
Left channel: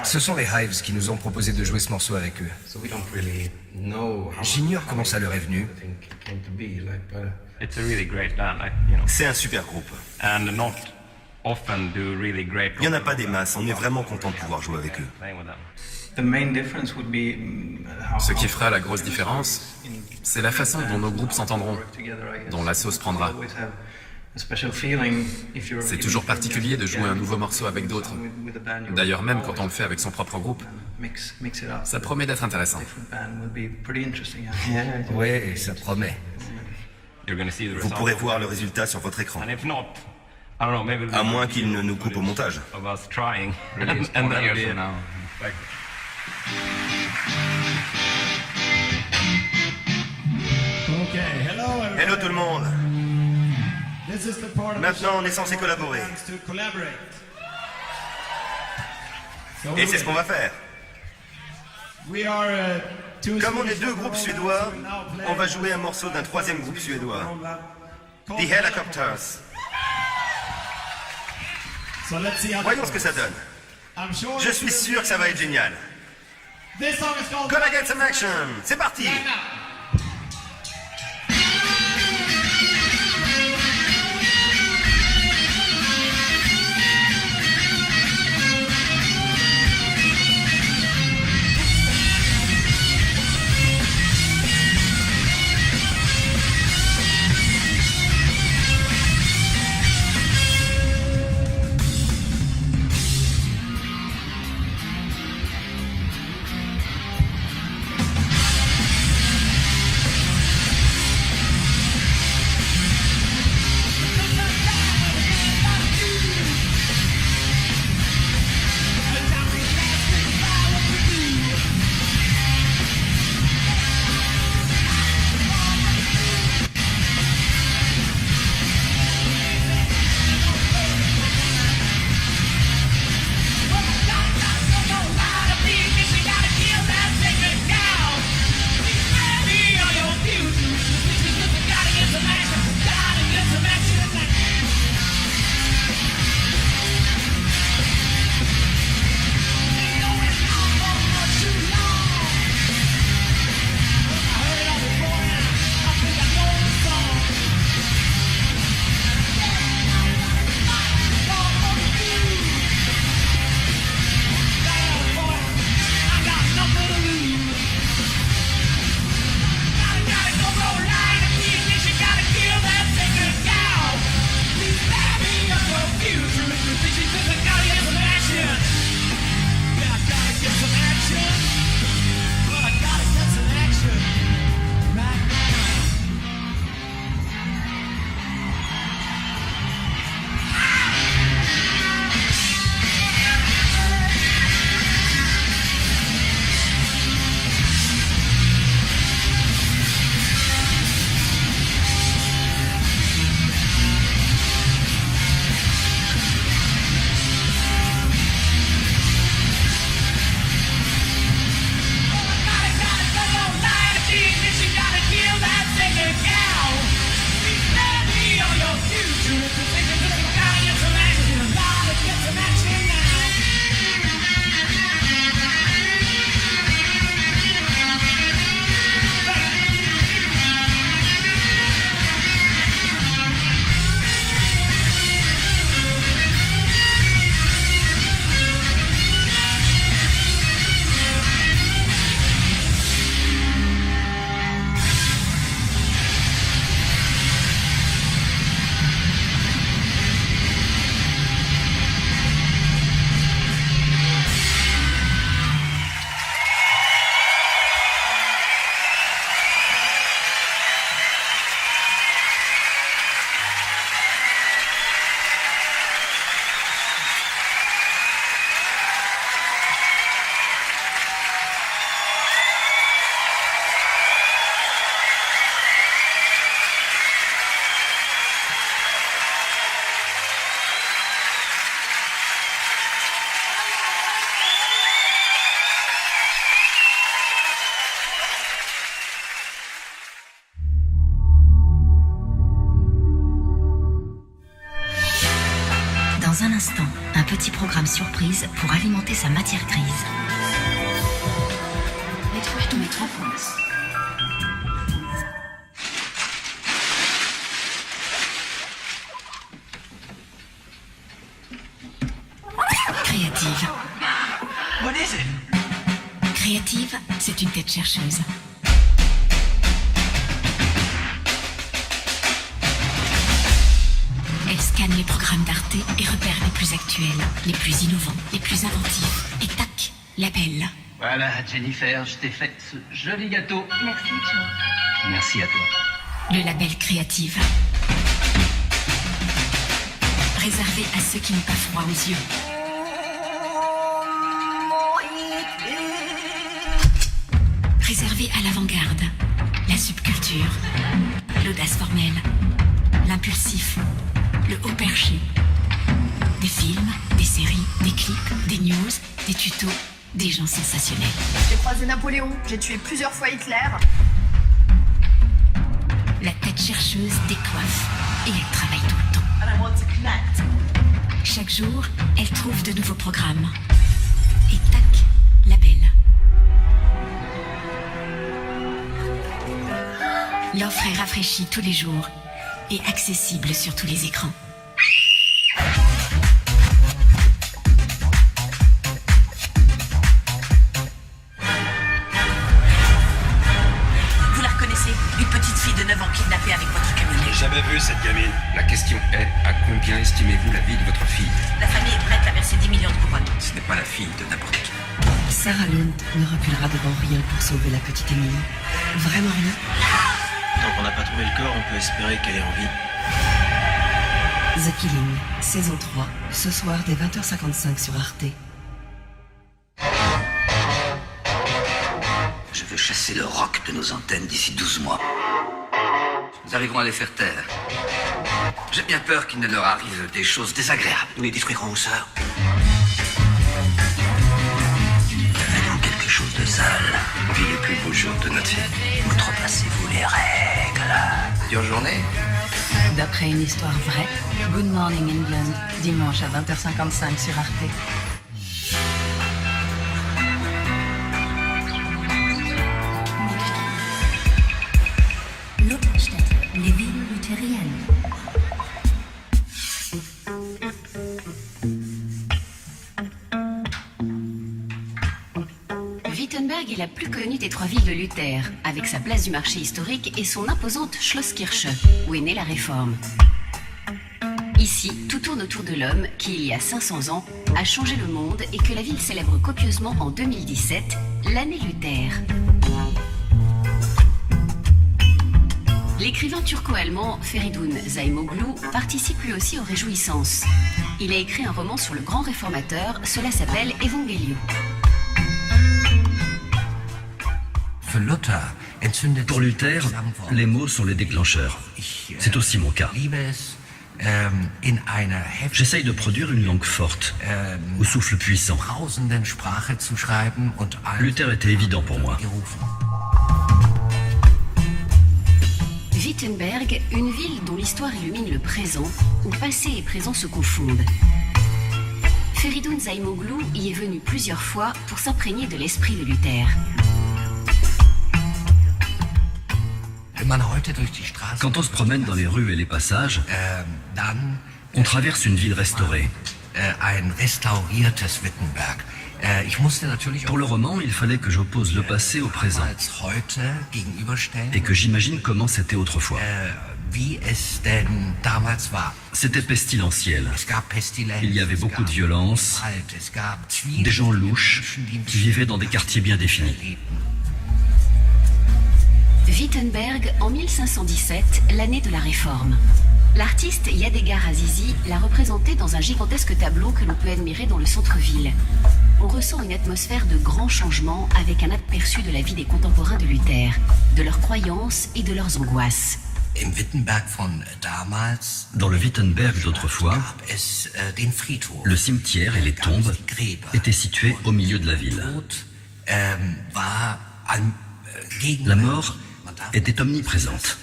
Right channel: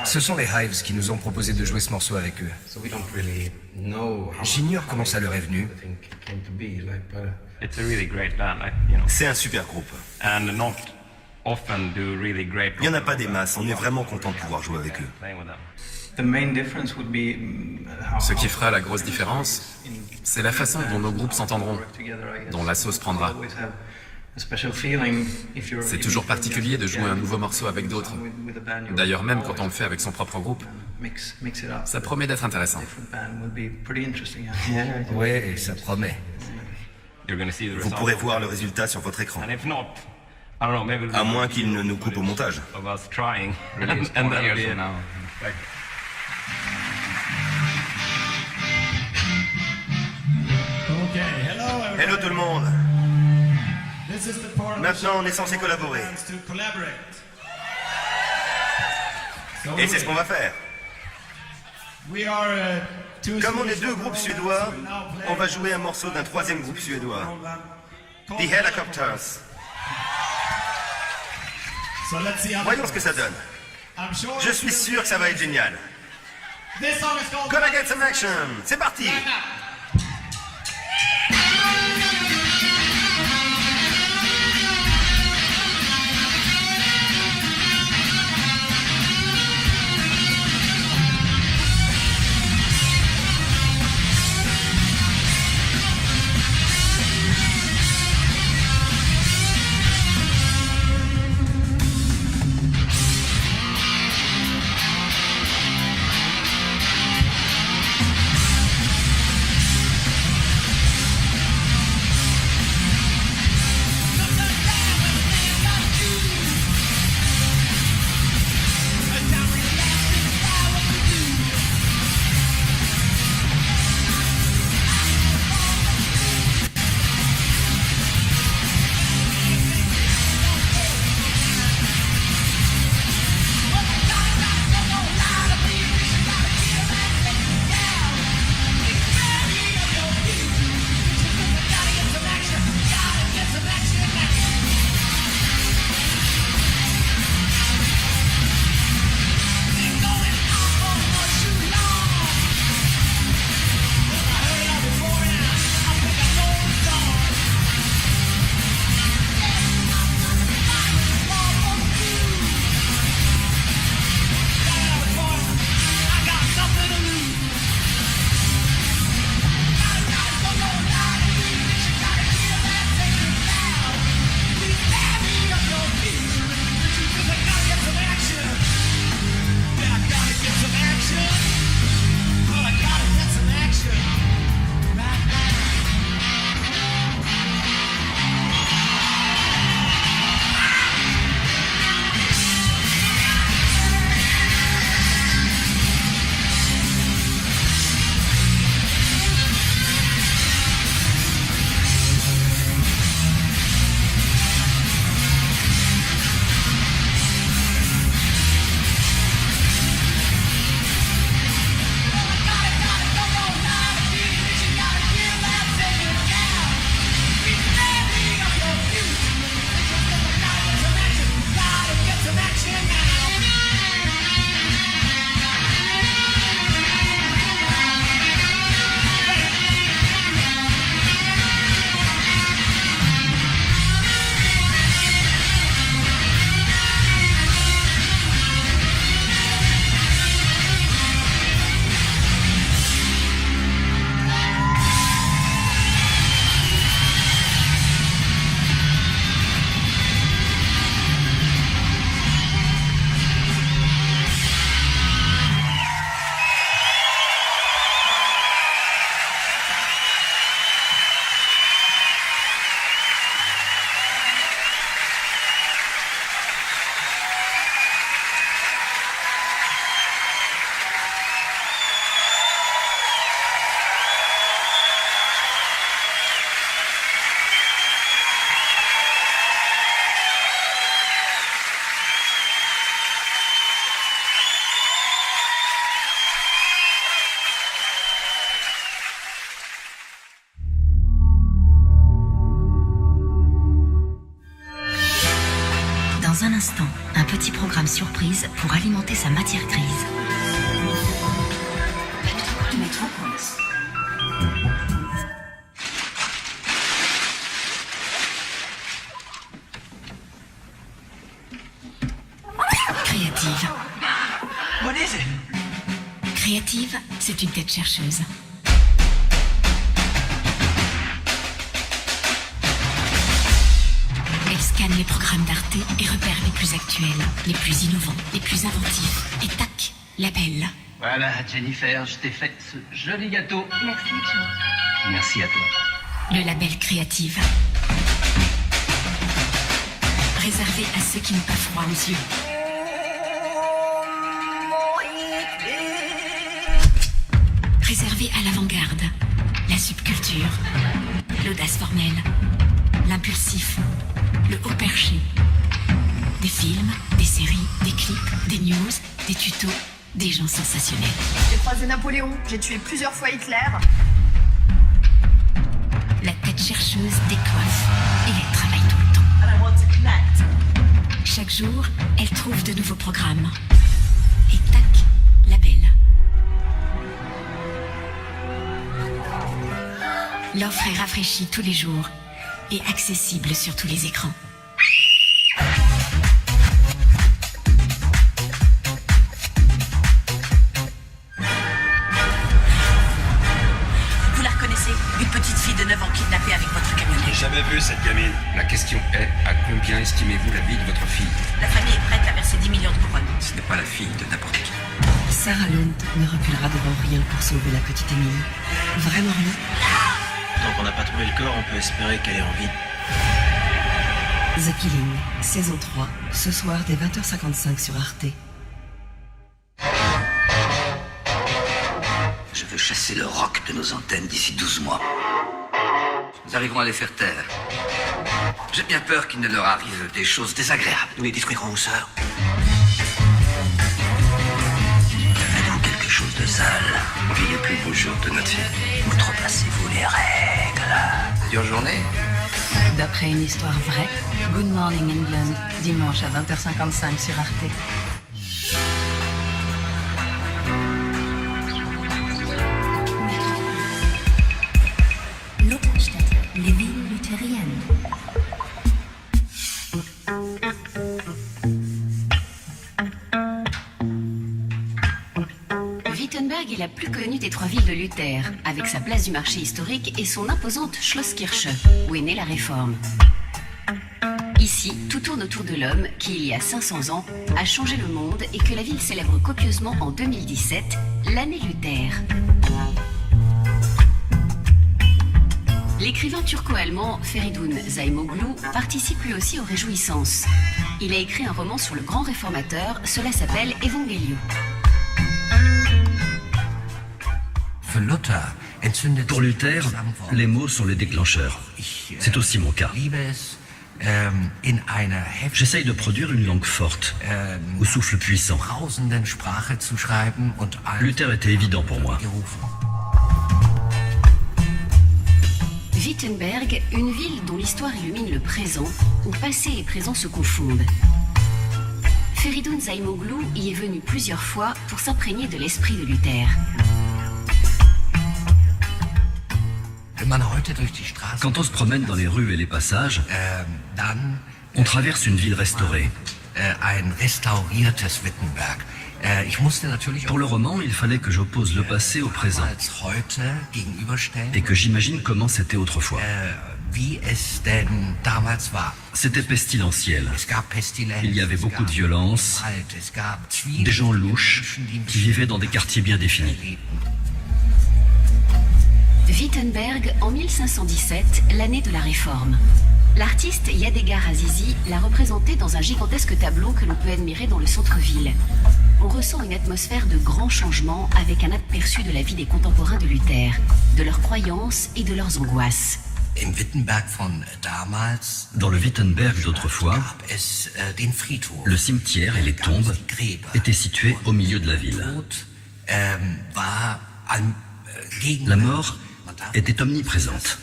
Ce sont les Hives qui nous ont proposé de jouer ce morceau avec eux. J'ignore comment ça leur est venu. It's a really great band, C'est un super groupe. and not often do really great. Il n'y en a pas des masses, on est vraiment content de pouvoir jouer avec eux. Playing with them. Ce qui fera la grosse différence, c'est la façon dont nos groupes s'entendront, dont la sauce prendra. C'est toujours particulier de jouer un nouveau morceau avec d'autres. D'ailleurs, même quand on le fait avec son propre groupe, ça promet d'être intéressant. Ouais, ça promet. You're gonna see the Vous result. pourrez voir le résultat sur votre écran. And if not, I don't know, maybe À moins qu'il ne nous coupe au montage. of us trying. and then be it. Like, Okay, hello everyone. Hello tout le monde. This is the part of the Maintenant, show on est censé where collaborer. bands to collaborate. So Et c'est ce qu'on va faire. we are two Comme on est Swedish deux groupes rock suédois, bands who now play on va jouer un morceau d'un troisième groupe suédois, The Helicopters. So let's see how Voyons ce que ça donne. I'm sure Je suis sûr que ça va être génial. This song is called Gonna get some action. C'est parti. Dans un instant, un petit programme surprise pour alimenter sa matière grise. Elle est trop hâte de mettre en place. Créative. Créative, c'est une tête chercheuse. Elle scanne les programmes d'Arte et repère les plus actuels, les plus innovants, les plus inventifs. Et tac, label. Voilà, Jennifer, je t'ai fait ce joli gâteau. Merci, Joe. Merci à toi. Le label Créative. Réservé à ceux qui n'ont pas froid aux yeux. Réservé à l'avant-garde, la subculture, l'audace formelle, l'impulsif, le haut perché. Des films, des séries, des clips, des news, des tutos, des gens sensationnels. J'ai croisé Napoléon, j'ai tué plusieurs fois Hitler. La tête chercheuse décoiffe et elle travaille tout le temps. Chaque jour, elle trouve de nouveaux programmes. Et tac, label. L'offre est rafraîchie tous les jours et accessible sur tous les écrans. Vous la reconnaissez? Une petite fille de 9 ans kidnappée avec votre camionnet. Jamais vu cette gamine. La question est, à combien estimez-vous la vie de votre fille? La famille est prête à verser 10 millions de couronnes. Ce n'est pas la fille de n'importe qui. Sarah Lund ne reculera devant rien pour sauver la petite Émilie. Vraiment rien. Tant qu'on n'a pas trouvé le corps, on peut espérer qu'elle est en vie. The Killing, saison 3, ce soir dès 20h55 sur Arte. Je veux chasser le rock de nos antennes d'ici 12 mois. Nous arriverons à les faire taire. J'ai bien peur qu'il ne leur arrive des choses désagréables. Nous les détruirons, sœur. Devenons quelque chose de sale. On vit les plus beaux jours de notre vie. Outrepassez-vous les règles. Dure journée. D'après une histoire vraie, Good Morning England, dimanche à 20h55 sur Arte. Lutherstädte, les villes luthériennes. Wittenberg est la plus connue des 3 villes de Luther, avec sa place du marché historique et son imposante Schlosskirche, où est née la Réforme. Ici, tout tourne autour de l'homme qui, il y a 500 ans, a changé le monde et que la ville célèbre copieusement en 2017, l'année Luther. L'écrivain turco-allemand Feridun Zaimoglu participe lui aussi aux réjouissances. Il a écrit un roman sur le grand réformateur, cela s'appelle Evangelium. Pour Luther, les mots sont les déclencheurs. C'est aussi mon cas. J'essaye de produire une langue forte, au souffle puissant. Luther était évident pour moi. Wittenberg, une ville dont l'histoire illumine le présent, où passé et présent se confondent. Feridun Zaimoglu y est venu plusieurs fois pour s'imprégner de l'esprit de Luther. Quand on se promène dans les rues et les passages, on traverse une ville restaurée. Pour le roman, il fallait que j'oppose le passé au présent et que j'imagine comment c'était autrefois. C'était pestilentiel. Il y avait beaucoup de violence, des gens louches qui vivaient dans des quartiers bien définis. Wittenberg, en 1517, l'année de la Réforme. L'artiste Yadégar Azizi l'a représenté dans un gigantesque tableau que l'on peut admirer dans le centre-ville. On ressent une atmosphère de grands changements avec un aperçu de la vie des contemporains de Luther, de leurs croyances et de leurs angoisses. Dans le Wittenberg d'autrefois, le cimetière et les tombes étaient situés au milieu de la ville. La mort était omniprésente.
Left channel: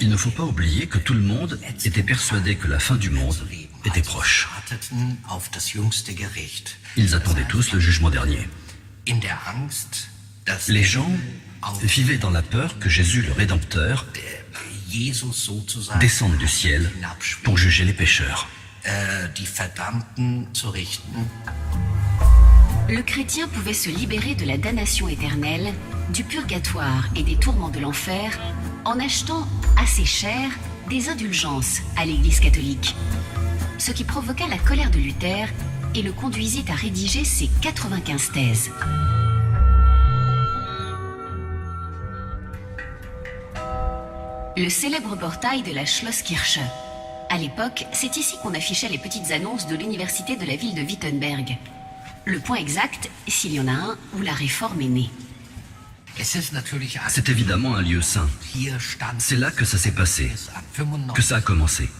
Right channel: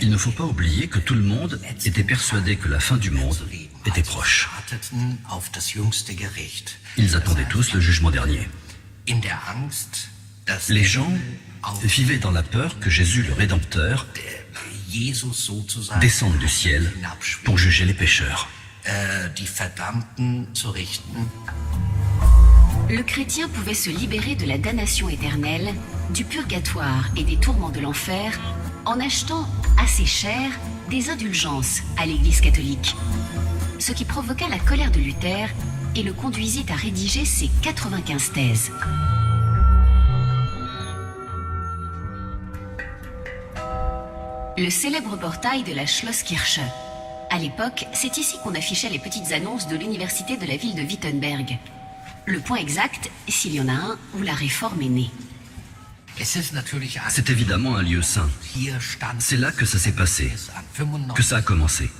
Il ne faut pas oublier que tout le monde était persuadé que la fin du monde était proche. Ils attendaient tous le jugement dernier. Les gens vivaient dans la peur que Jésus, le Rédempteur, descende du ciel pour juger les pécheurs. Le chrétien pouvait se libérer de la damnation éternelle, du purgatoire et des tourments de l'enfer en achetant assez cher des indulgences à l'Église catholique. Ce qui provoqua la colère de Luther et le conduisit à rédiger ses 95 thèses. Le célèbre portail de la Schlosskirche. À l'époque, c'est ici qu'on affichait les petites annonces de l'université de la ville de Wittenberg. Le point exact, s'il y en a un, où la réforme est née. C'est évidemment un lieu saint. C'est là que ça s'est passé, que ça a commencé.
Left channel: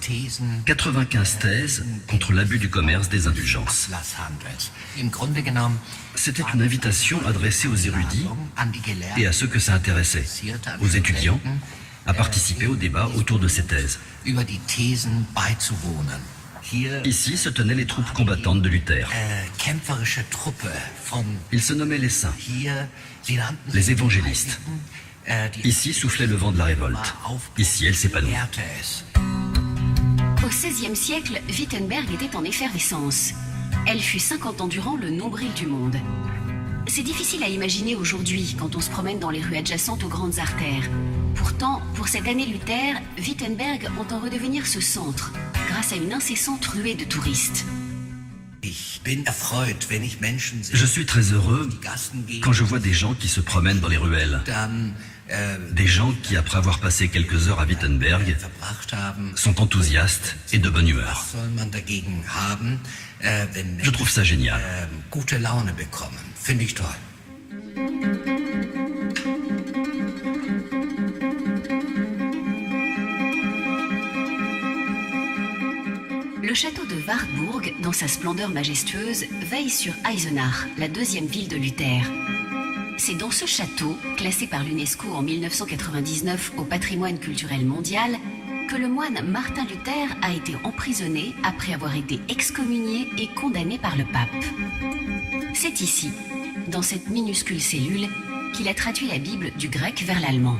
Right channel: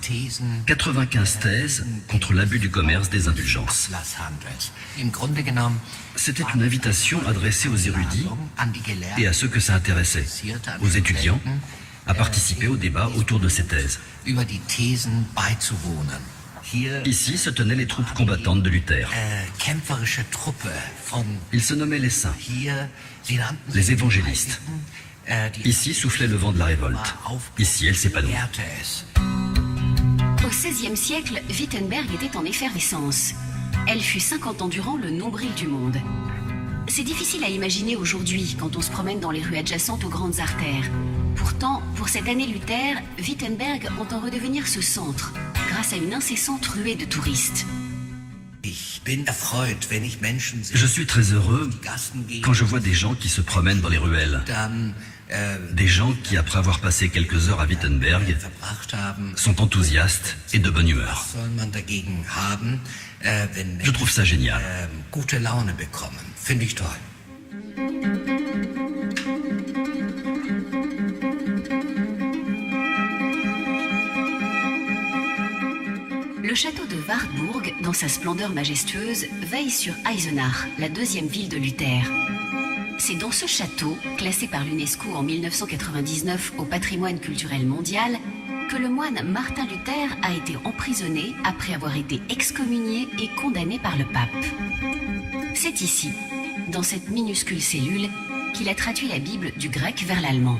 95 thèses contre l'abus du commerce des indulgences. C'était une invitation adressée aux érudits et à ceux que ça intéressait, aux étudiants, à participer au débat autour de ces thèses. Ici se tenaient les troupes combattantes de Luther. Ils se nommaient les saints, les évangélistes. Ici soufflait le vent de la révolte. Ici, elle s'épanouit. Au XVIe siècle, Wittenberg était en effervescence. Elle fut 50 ans durant le nombril du monde. C'est difficile à imaginer aujourd'hui quand on se promène dans les rues adjacentes aux grandes artères. Pourtant, pour cette année Luther, Wittenberg entend redevenir ce centre, grâce à une incessante ruée de touristes. Je suis très heureux quand je vois des gens qui se promènent dans les ruelles. Des gens qui, après avoir passé quelques heures à Wittenberg, sont enthousiastes et de bonne humeur. Je trouve ça génial. Le château de Wartburg, dans sa splendeur majestueuse, veille sur Eisenach, la deuxième ville de Luther. C'est dans ce château, classé par l'UNESCO en 1999 au patrimoine culturel mondial, que le moine Martin Luther a été emprisonné après avoir été excommunié et condamné par le pape. C'est ici, dans cette minuscule cellule, qu'il a traduit la Bible du grec vers l'allemand.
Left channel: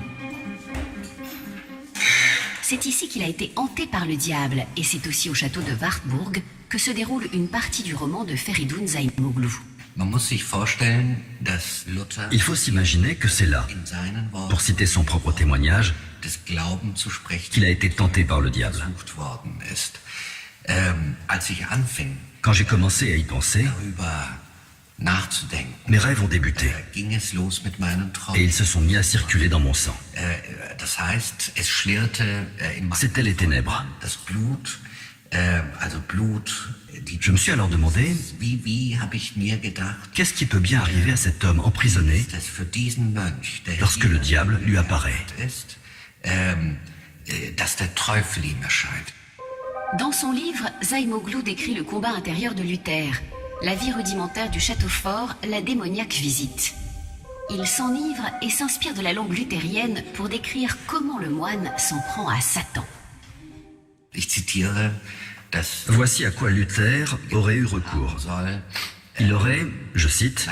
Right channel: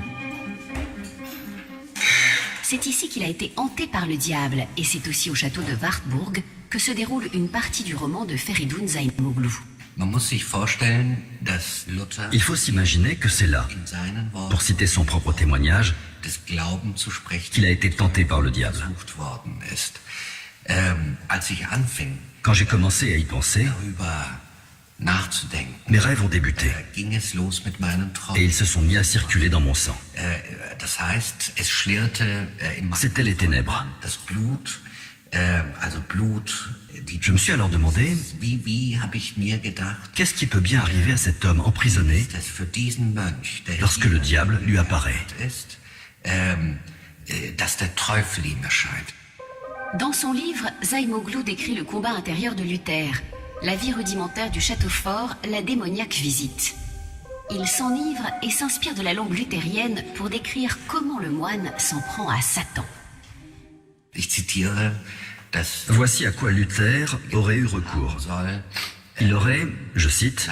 C'est ici qu'il a été hanté par le diable, et c'est aussi au château de Wartburg que se déroule une partie du roman de Feridun Zaimoglu. Il faut s'imaginer que c'est là, pour citer son propre témoignage, qu'il a été tenté par le diable. Quand j'ai commencé à y penser, mes rêves ont débuté et ils se sont mis à circuler dans mon sang. C'étaient les ténèbres. Je me suis alors demandé, qu'est-ce qui peut bien arriver à cet homme emprisonné lorsque le diable lui apparaît? Dans son livre, Zaimoglu décrit le combat intérieur de Luther, la vie rudimentaire du château fort, la démoniaque visite. Il s'enivre et s'inspire de la langue luthérienne pour décrire comment le moine s'en prend à Satan. Voici à quoi Luther aurait eu recours. Il aurait, je cite,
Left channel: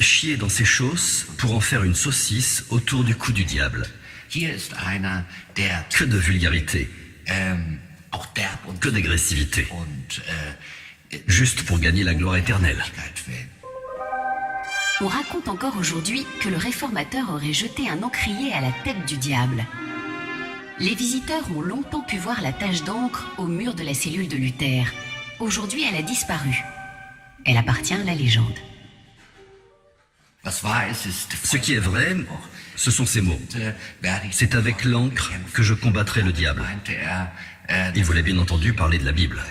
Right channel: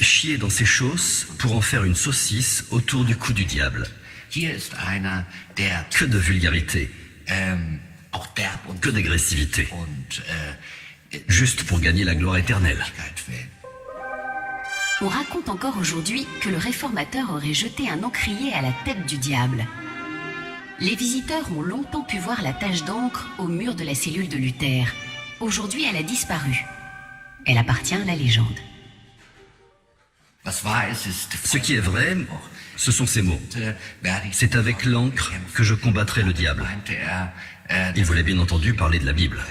chié dans ses chausses pour en faire une saucisse autour du cou du diable. Que de vulgarité, que d'agressivité, juste pour gagner la gloire éternelle. On raconte encore aujourd'hui que le réformateur aurait jeté un encrier à la tête du diable. Les visiteurs ont longtemps pu voir la tache d'encre au mur de la cellule de Luther. Aujourd'hui, elle a disparu. Elle appartient à la légende. Ce qui est vrai, ce sont ces mots. C'est avec l'encre que je combattrai le diable. Il voulait bien entendu parler de la Bible.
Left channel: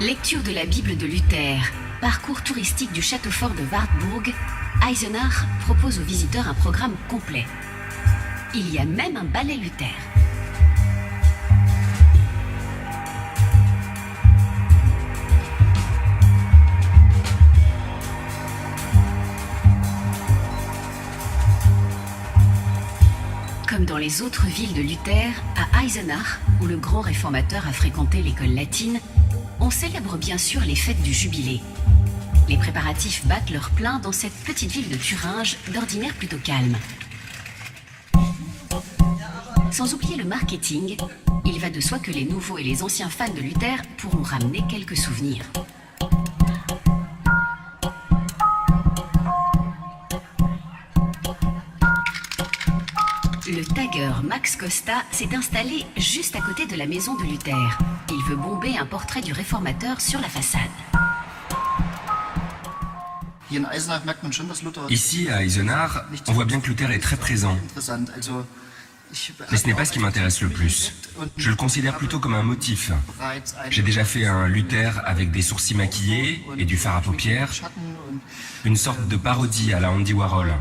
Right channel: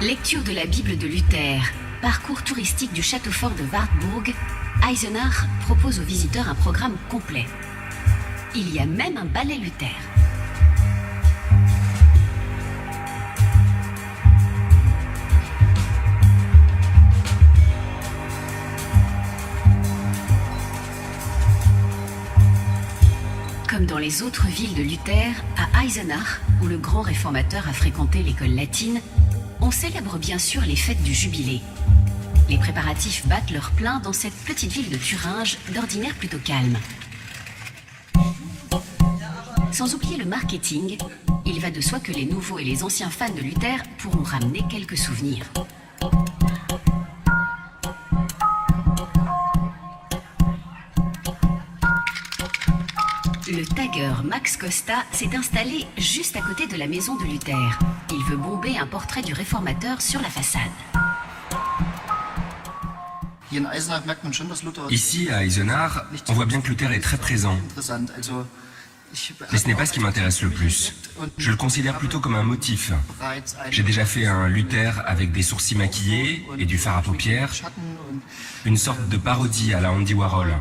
Lecture de la Bible de Luther, parcours touristique du château fort de Wartburg, Eisenach propose aux visiteurs un programme complet. Il y a même un ballet Luther. les autres villes de Luther, à Eisenach, où le grand réformateur a fréquenté l'école latine, on célèbre bien sûr les fêtes du jubilé. Les préparatifs battent leur plein dans cette petite ville de Thuringe, d'ordinaire plutôt calme. Sans oublier le marketing, il va de soi que les nouveaux et les anciens fans de Luther pourront ramener quelques souvenirs. Le tagger Max Costa s'est installé juste à côté de la maison de Luther. Il veut bomber un portrait du réformateur sur la façade. Ici, à Eisenach, on voit bien que Luther est très présent. Mais ce n'est pas ce qui m'intéresse le plus. Je le considère plutôt comme un motif. J'ai déjà fait un Luther avec des sourcils maquillés et du fard à paupières. Une sorte de parodie à la Andy Warhol.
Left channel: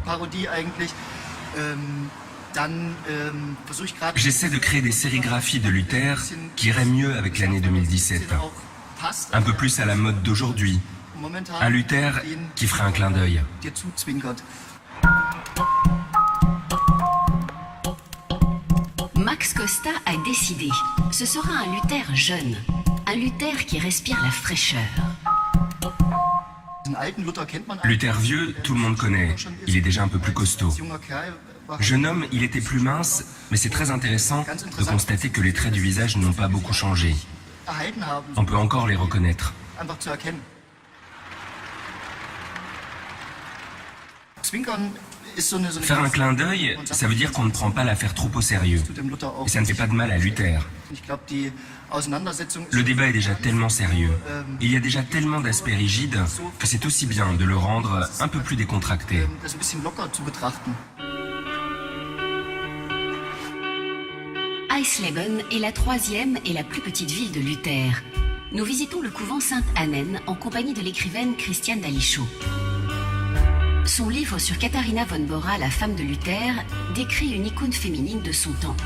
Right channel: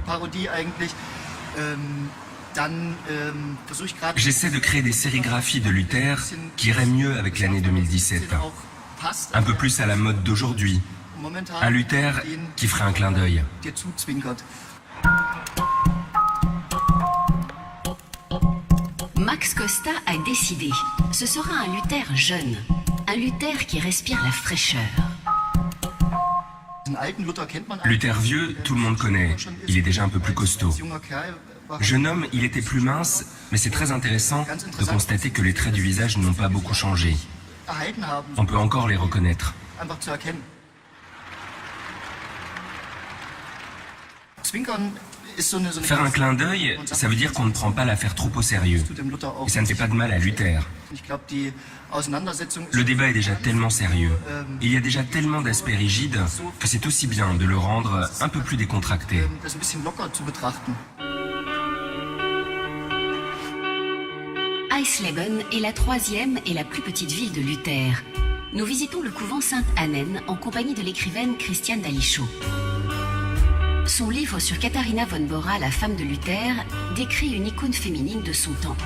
J'essaie de créer des sérigraphies de Luther qui iraient mieux avec l'année 2017. Un peu plus à la mode d'aujourd'hui. Un Luther qui ferait un clin d'œil. Max Costa a décidé. Ce sera un Luther jeune. Un Luther qui respire la fraîcheur. Luther vieux, tout le monde connaît. Il est déjà un peu plus costaud. Jeune homme, il était plus mince, mais c'est très intéressant de constater que les traits du visage n'ont pas beaucoup changé. On peut encore les reconnaître. Faire un clin d'œil, ça veut dire qu'on ne prend pas l'affaire trop au sérieux. Et ça ne fait pas de mal à Luther. Le débat est déjà tellement sérieux. Il y a déjà tellement d'aspects rigides que c'est aussi bien de le rendre un peu plus décontracté. Eisleben est la troisième et la plus petite ville de Luther. Nous visitons le couvent Sainte-Annen en compagnie de l'écrivaine Christiane Dalichot. Son livre sur Katharina von Bora, la femme de Luther, décrit une icône féminine de son temps.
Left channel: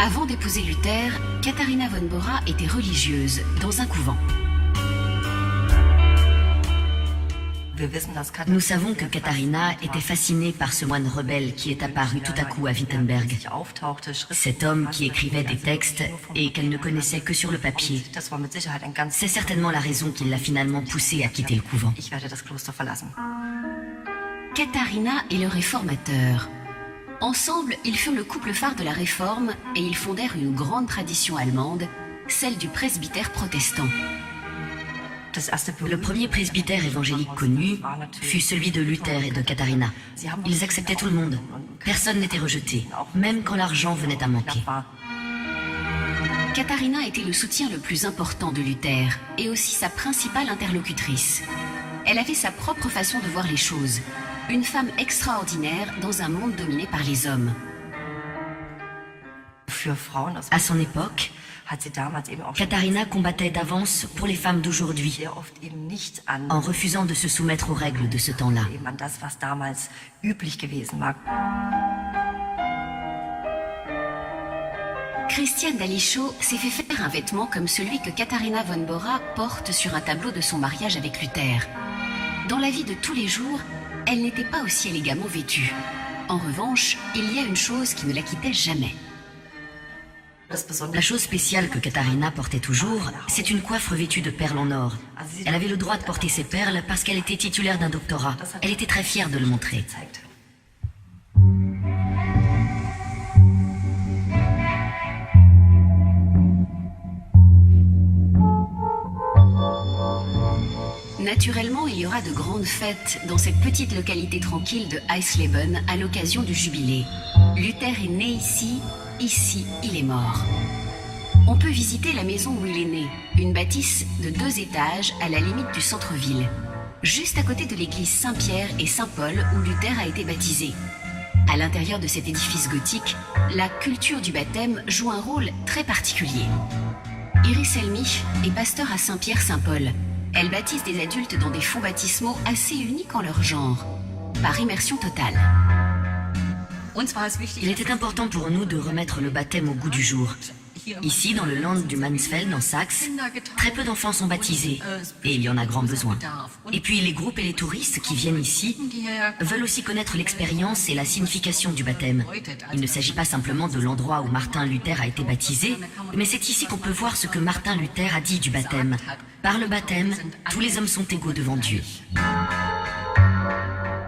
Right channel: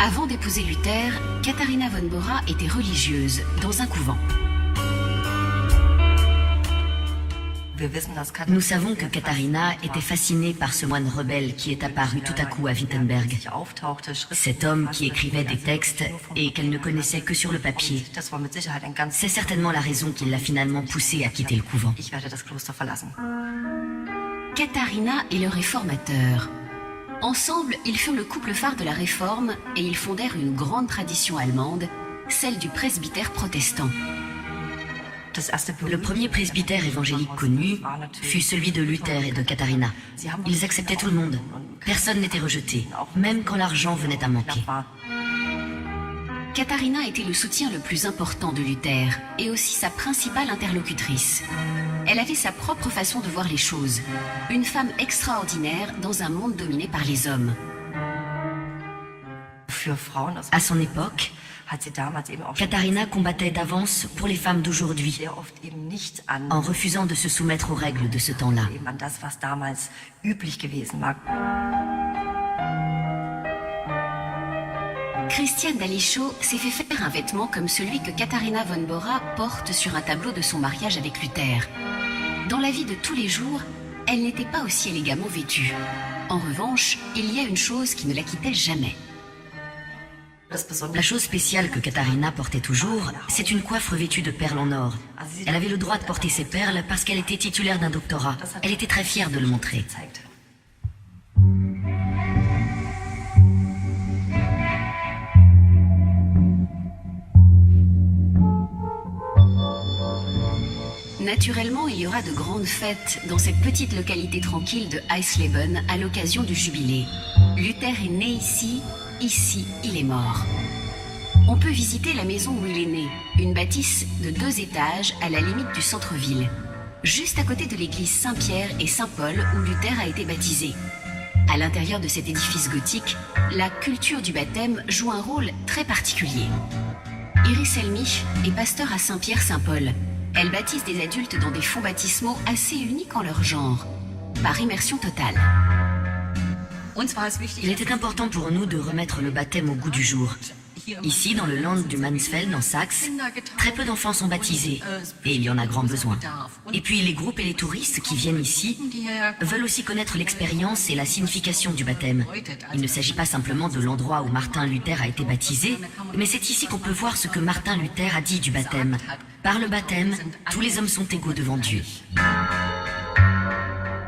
Avant d'épouser Luther, Katharina von Bora était religieuse dans un couvent. Nous savons que Katharina était fascinée par ce moine rebelle qui est apparu tout à coup à Wittenberg. Cet homme qui écrivait des textes et qu'elle ne connaissait que sur le papier. C'est certainement la raison qui l'a finalement poussée à quitter le couvent. Katharina et le réformateur. Ensemble, ils furent le couple phare de la Réforme et ils fondèrent une grande tradition allemande, celle du presbytère protestant. Le premier presbytère évangélique connu fut celui de Luther et de Katharina. Ils acceptaient tout le monde. Personne n'était rejeté, même quand l'argent venait à manquer. Katharina était le soutien le plus important de Luther et aussi sa principale interlocutrice. Elle avait sa propre façon de voir les choses. Une femme extraordinaire dans un monde dominé par les hommes. À son époque, Katharina combattait d'avance pour les femmes d'aujourd'hui, en refusant de se soumettre aux règles de ce temps-là. Christiane Dalichot s'est fait faire un vêtement comme celui que Katharina von Bora porte sur un tableau de son mariage avec Luther. Dans la vie de tous les jours, elle n'était pas aussi élégamment vêtue. En revanche, il y a une chose qui ne la quittait jamais. La chose spéciale que Katharina portait toujours, c'est une coiffe revêtue de perles en or. Elle avait le droit de porter ses perles parce qu'elle était titulaire d'un doctorat. Elle était très fière de le montrer. Naturellement, il y aura de grandes fêtes dans cette petite localité tranquille de Eisleben à l'occasion du jubilé. Luther est né ici, ici il est mort. On peut visiter la maison où il est né, une bâtisse de 2 étages à la limite du centre-ville, juste à côté de l'église Saint-Pierre et Saint-Paul où Luther a été baptisé. À l'intérieur de cet édifice gothique, la culture du baptême joue un rôle très particulier. Iris Elmich est pasteur à Saint-Pierre-Saint-Paul. Elle baptise des adultes dans des fonds baptismaux assez uniques en leur genre, par immersion totale. Il était important pour nous de remettre le baptême au goût du jour. Ici, dans le land du Mansfeld, en Saxe, très peu d'enfants sont baptisés, et il y en a grand besoin. Et puis les groupes et les touristes qui viennent ici veulent aussi connaître l'expérience et la signification du baptême. Il ne s'agit pas simplement de l'endroit où Martin Luther a été baptisé, mais c'est ici qu'on peut voir ce que Martin Luther a dit du baptême. Par le baptême, tous les hommes sont égaux devant Dieu.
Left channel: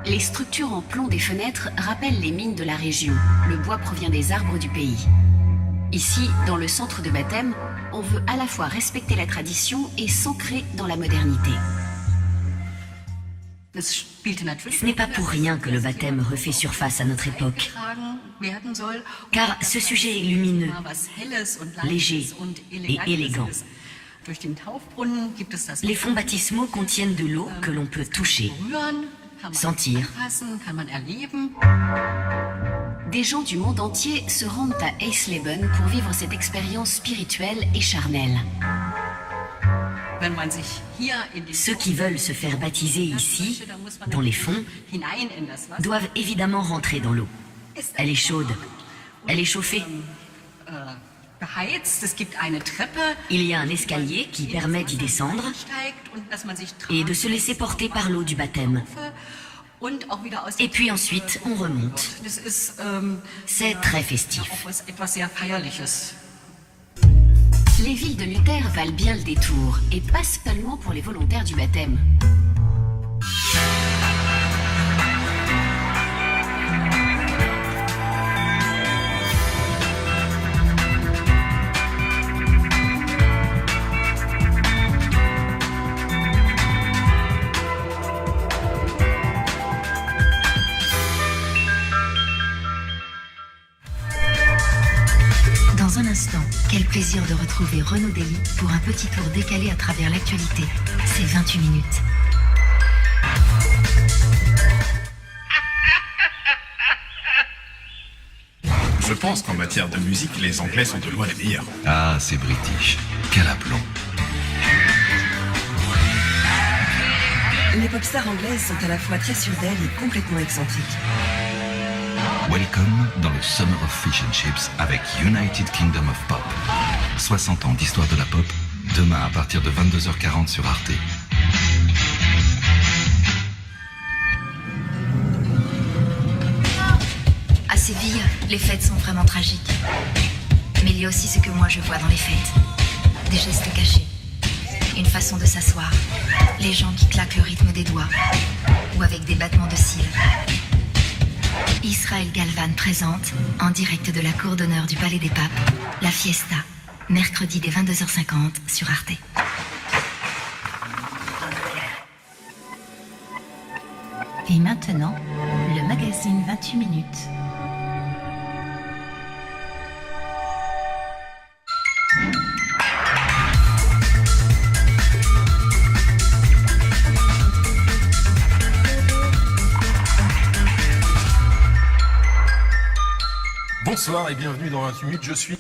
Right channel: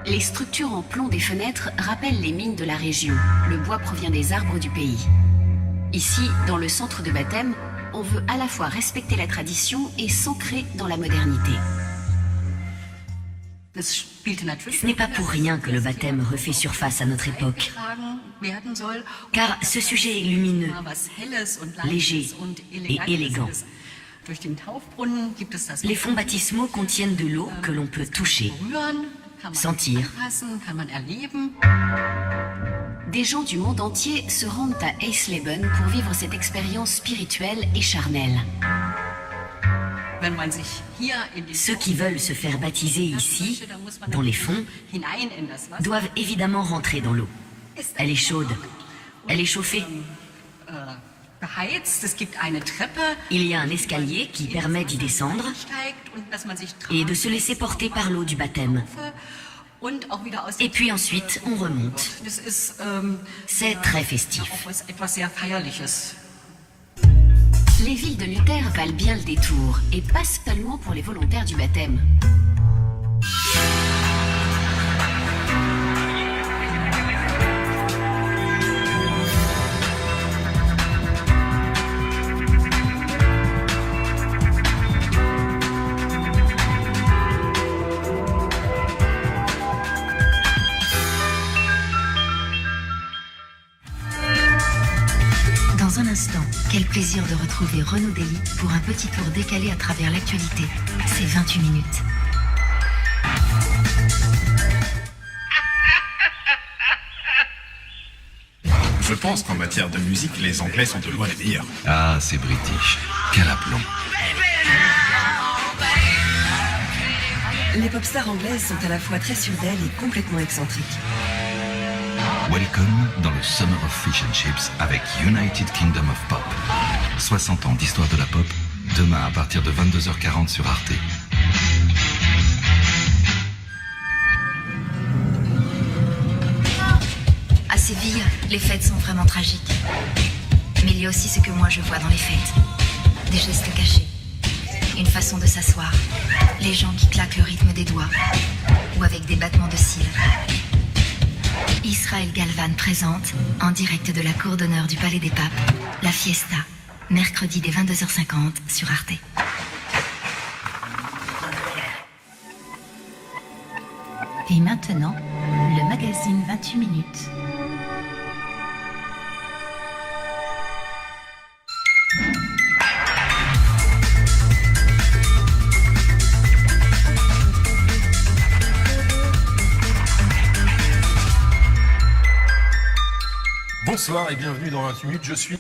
Les structures en plomb des fenêtres rappellent les mines de la région. Le bois provient des arbres du pays. Ici, dans le centre de baptême, on veut à la fois respecter la tradition et s'ancrer dans la modernité. Ce n'est pas pour rien que le baptême refait surface à notre époque. Car ce sujet est lumineux, léger et élégant. Les fonds baptismaux contiennent de l'eau que l'on peut toucher, sentir. Des gens du monde entier se rendent à Eisleben pour vivre cette expérience spirituelle et charnelle. Ceux qui veulent se faire baptiser ici, dans les fonds, doivent évidemment rentrer dans l'eau. Elle est chaude, elle est chauffée. Il y a un escalier qui permet d'y descendre et de se laisser porter par l'eau du baptême. Et puis ensuite, on remonte. C'est très festif. Les villes de Luther valent bien le détour, et pas seulement pour les volontaires du baptême. Dans un instant, quel plaisir de retrouver Renaud Dely pour un petit tour décalé à travers l'actualité. C'est 28 minutes. Je pense qu'en matière de musique, les Anglais sont de loin les meilleurs. Ah, c'est british. Quel aplomb. Les pop stars anglaises sont à la fois très sûres d'elles et complètement excentriques. Welcome dans le Summer of Fish and Chips avec United Kingdom of Pop. 60 ans d'histoire de la pop, demain à partir de 22h40 sur Arte. À Séville, les fêtes sont vraiment tragiques. Mais il y a aussi ce que moi je vois dans les fêtes. Des gestes cachés. Une façon de s'asseoir. Les gens qui claquent le rythme des doigts. Ou avec des battements de cils. Israël Galvan présente, en direct de la cour d'honneur du Palais des Papes, la Fiesta, mercredi dès 22h50 sur Arte. Et maintenant, le magazine 28 minutes. Bonsoir et bienvenue dans 28 minutes, je suis...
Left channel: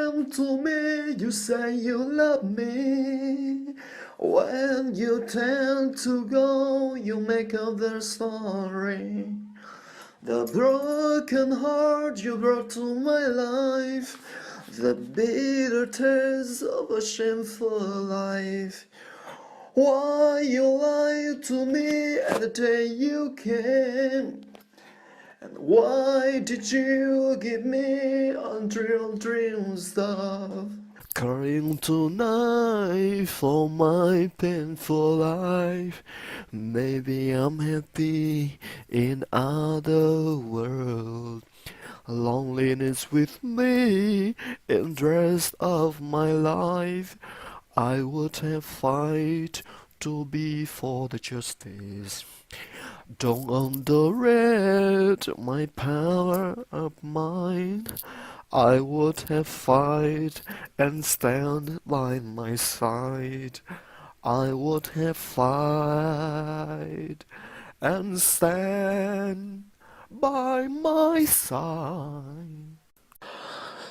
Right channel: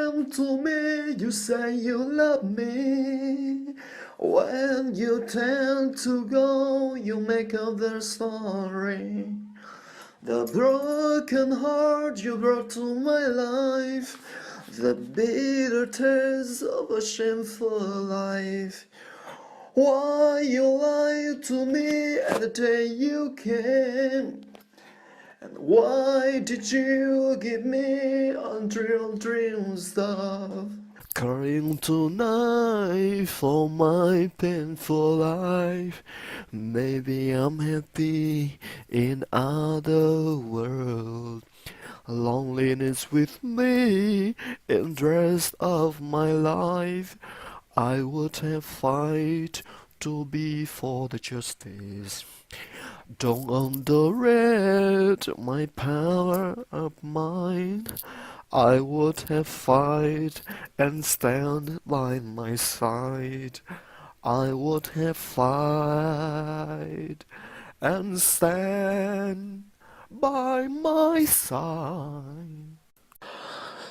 came to me, you say you love me. When you tend to go, you make up their story. The broken heart you brought to my life, the bitter taste of a shameful life. Why you lied to me at the day you came? And why did you give me unreal dream stuff? Crying tonight for my painful life. Maybe I'm happy in other world. Loneliness with me in the rest of my life. I would have fight to be for the justice. Don't underrate my power of mind. I would have fight and stand by my side. I would have fight and stand by my side.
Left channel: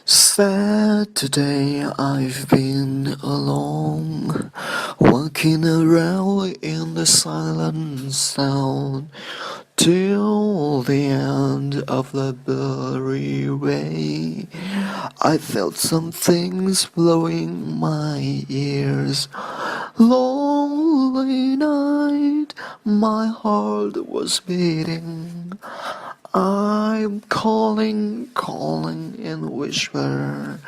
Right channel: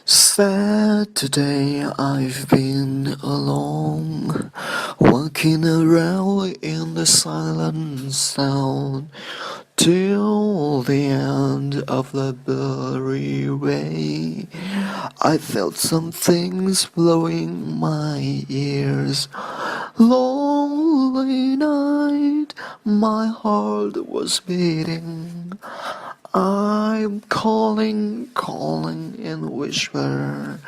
Saturday I've been alone, walking around in the silent sound, till the end of the blurry way. I felt some things blowing my ears. Lonely night, my heart was beating. I'm calling in whisper.